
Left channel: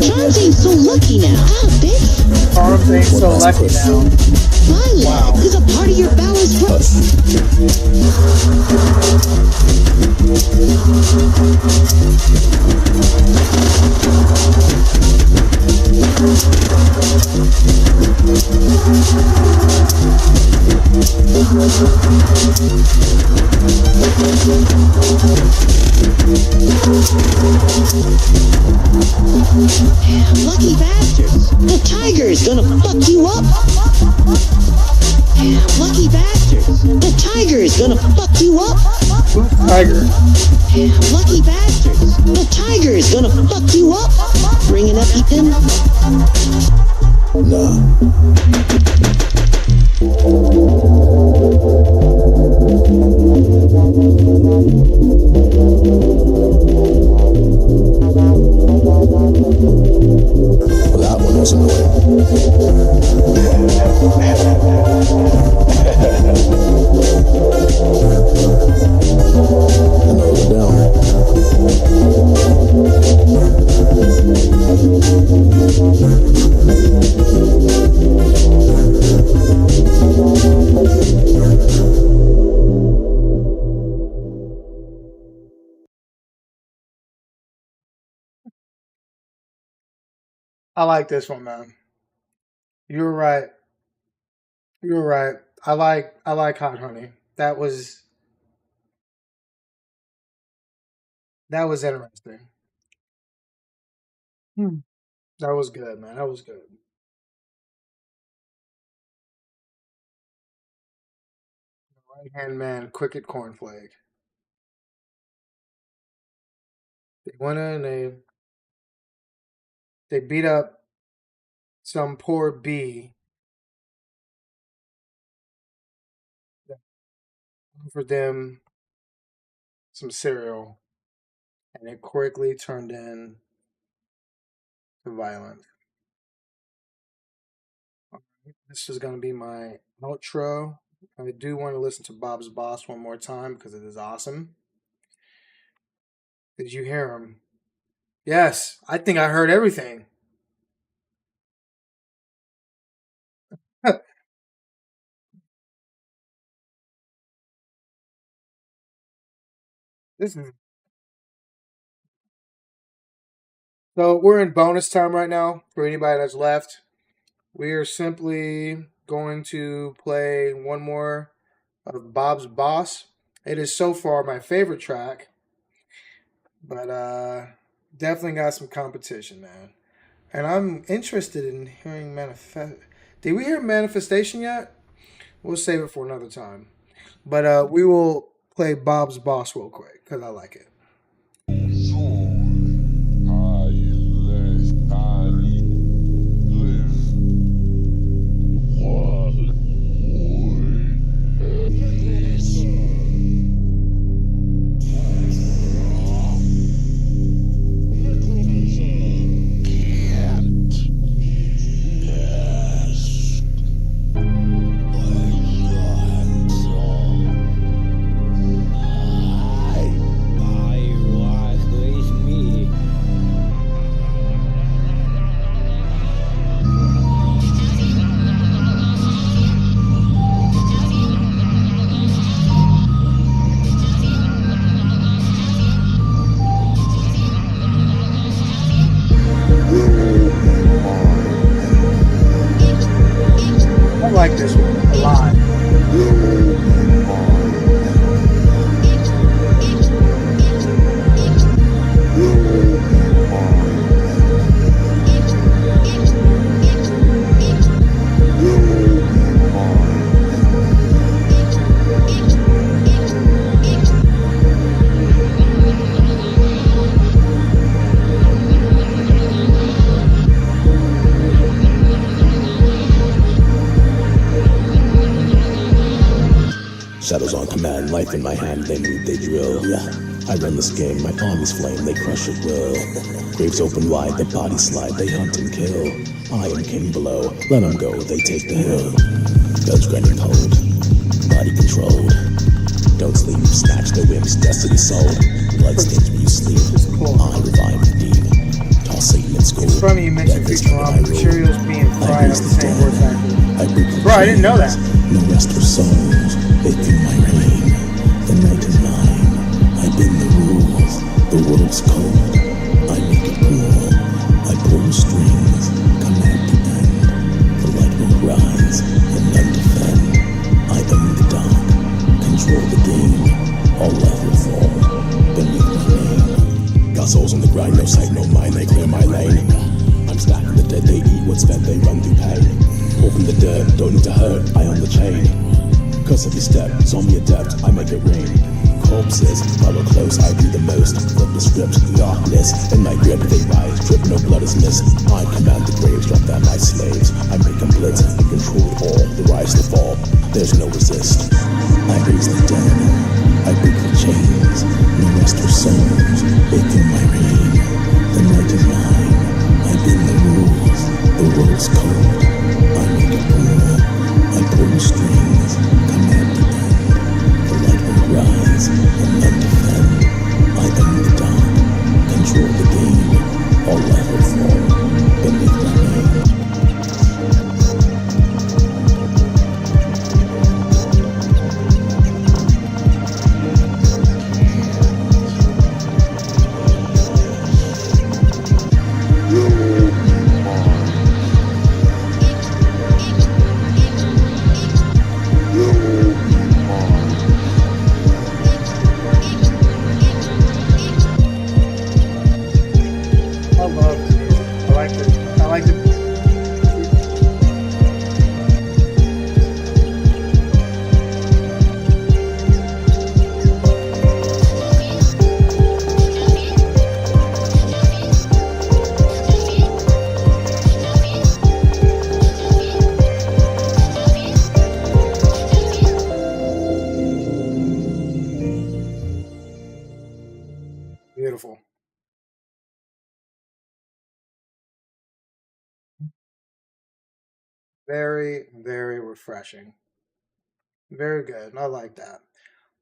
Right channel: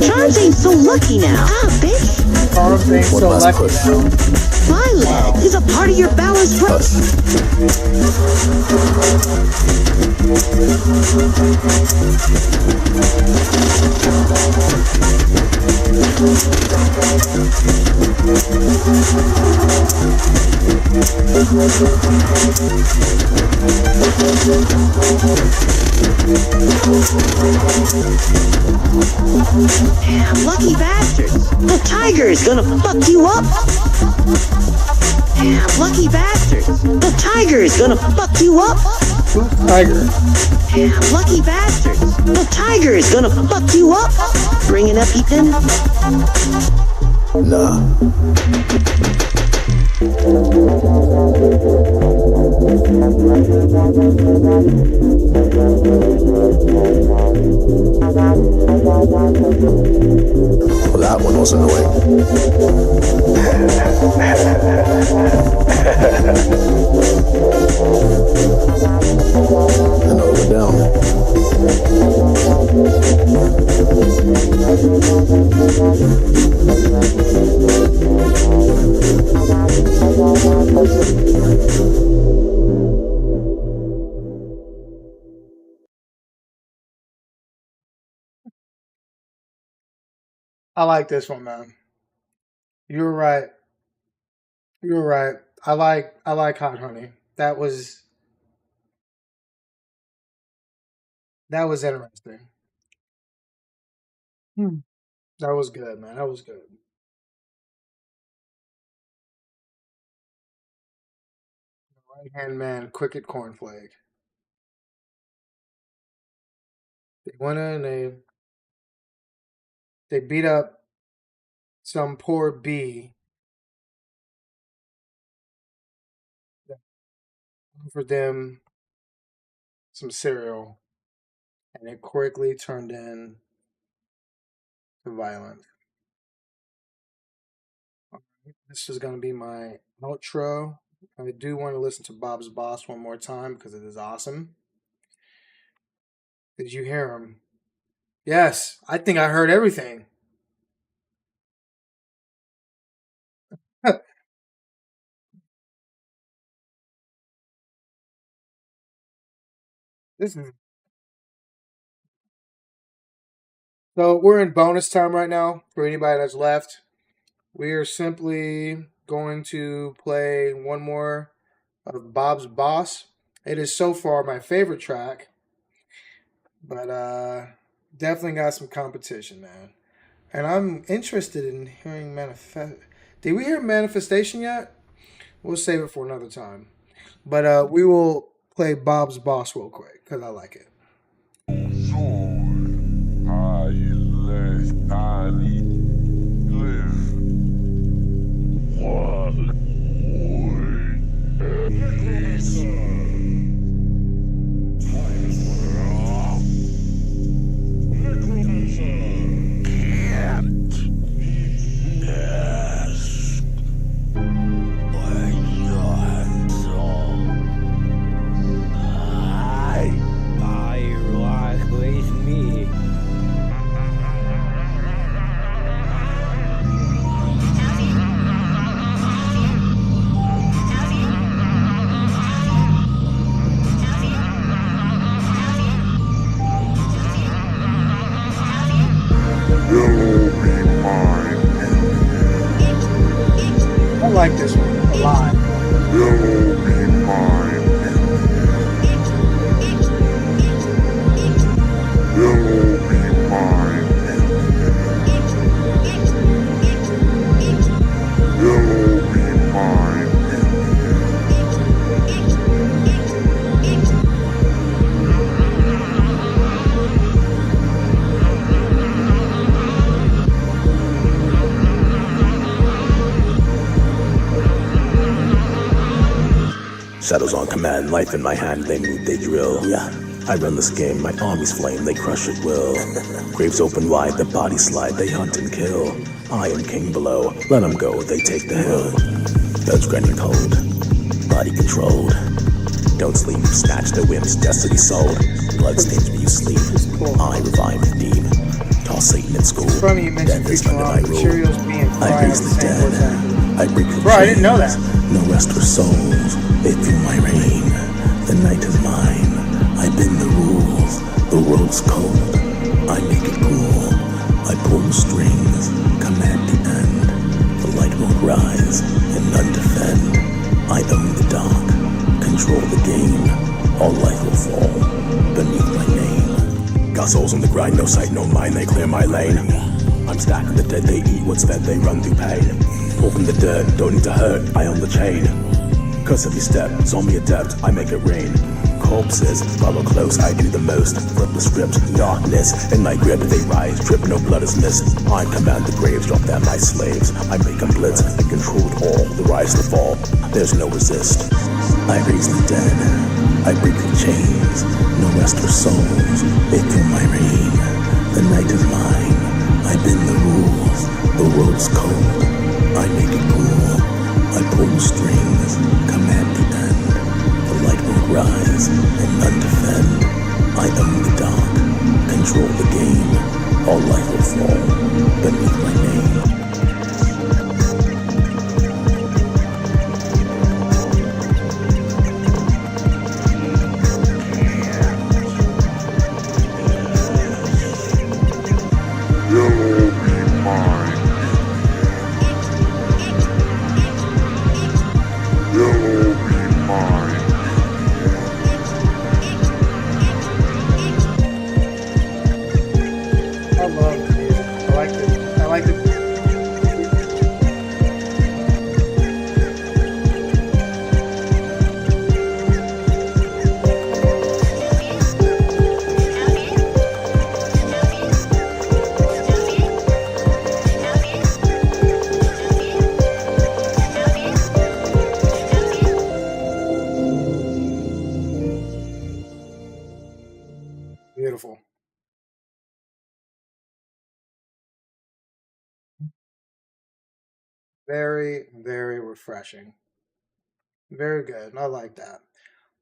Charms ain't so lucky now. Ah, bitch. Arms ain't so lucky now. My leg Wow. is a part of your balanced Damn, lucky bastards. The tiger is gonna fuck you up. Damn, lucky bastards. The tiger is gonna fuck you up. Who's Tiger? Damn, lucky bastards. The tiger is gonna fuck you up. Bringing up Ethan. Nah. Well, that one wasn't and over down. I like this one, man. You're right. You're right. I like hot honey. That was interesting. Hmm. That was good, man. That was good. Right hand man, cricket cornflake. They went in. They beat up some poor bee that offered them some cereal, and it quickly turned into violence. This is going to be my outro. I do want to listen to Bob's Boss one more time because it is awesome. Did you hear him? Yes, I think I heard everything. This is so we're in bonus time right now for anybody that's left. We are simply going to play one more of Bob's Boss. It is so far my favorite track, but definitely got some competition, man. And I'm interested in hearing manifest. Did we hear manifestation yet? We'll save it for another time. But we will play Bob's Boss real quick because I like it. I like this one a lot. Shadows on command, life in my hand, they move, they drill. Yeah, I run this game, my armies flame, they crush at will. Graves open wide, the bodies slide, they hunt and kill. I am king below, let them go, they take the hill. Guns grinding cold, body controlled. Don't sleep, snatch the whips, destiny sold. Blood stains me, you sleep. This is cool. I revive indeed. Toss Satan in school. It's funny you mentioned Futurama. The Cheerios being fried have the same voice actor. Bro, I didn't know that. No rest for souls, they feel my reign. The night is mine, I bend the rules. The world's cold, I make it cool. I pull the strings, command the end. The light will rise, and none defend. I own the dark, control the game. All life will fall, beneath my name. Got souls on the grind, no sight, no mind, they clear my lane. I'm stacking the dead, they eat what's fed, they run through pain. Open the dirt, don't need to hurt, I own the chain. Cause every step, saw me adept, I make it rain. Corpses, follow close, I do the most. Flip the script, darkness, in my grip they rise, drip, no blood is missed. I command the graves, drop them my slaves. I make them blitz, I control all, the rise, the fall, there's no resist. I raise the dead, I break the chains, no rest for souls, they feel my reign. The night is mine, I bend the rules, the world's cold, I make it cool, I pull the strings, command the end. The light will rise, and none defend. I own the dark, control the game. All life will fall beneath my name. like to. Beautiful. Very, very refreshing. Very good. I like that.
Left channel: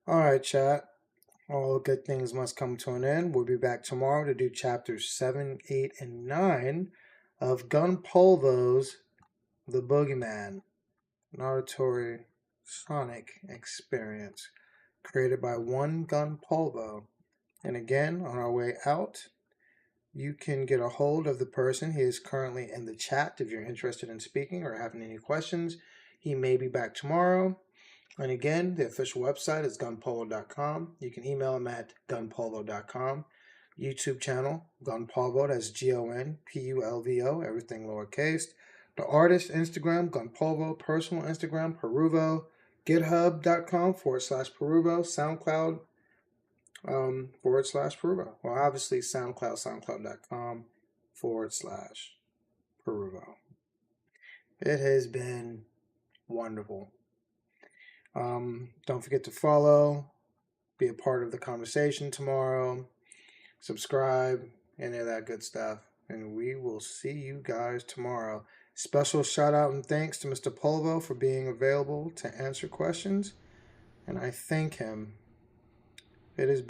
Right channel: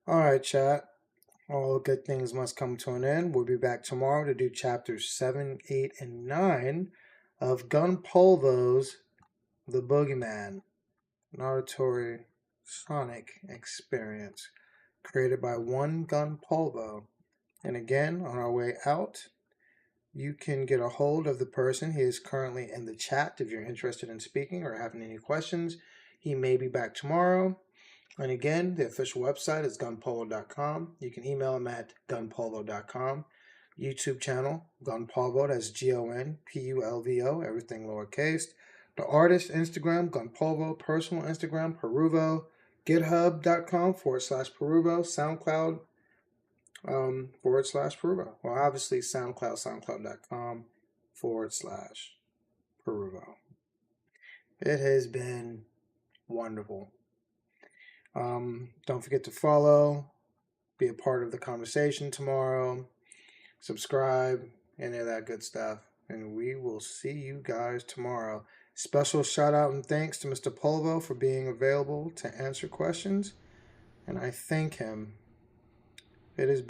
All right, chat. All good things must come to an end. We'll be back tomorrow to do chapters 7, 8, and 9 of Gun Polvo's The Boogeyman, an auditory sonic experience created by One Gun Polvo. And again, on our way out, you can get a hold of the person. He is currently in the chat if you're interested in speaking or having any questions. He may be back tomorrow. And again, the official website is gunpolvo.com. You can email him at gunpolvo.com. YouTube channel, Gunpolvo, that's Gonpulvo, everything lowercase. The artist, Instagram, Gunpolvo. Personal Instagram, Peruvo. GitHub.com/Peruvo. SoundCloud /Peruvo. Well, obviously, SoundCloud.com/Peruvo. It has been wonderful. Don't forget to follow, be a part of the conversation tomorrow, subscribe, any of that good stuff. And we will see you guys tomorrow. Special shout out and thanks to Mr. Polvo for being available to answer questions. And I thank him. It has been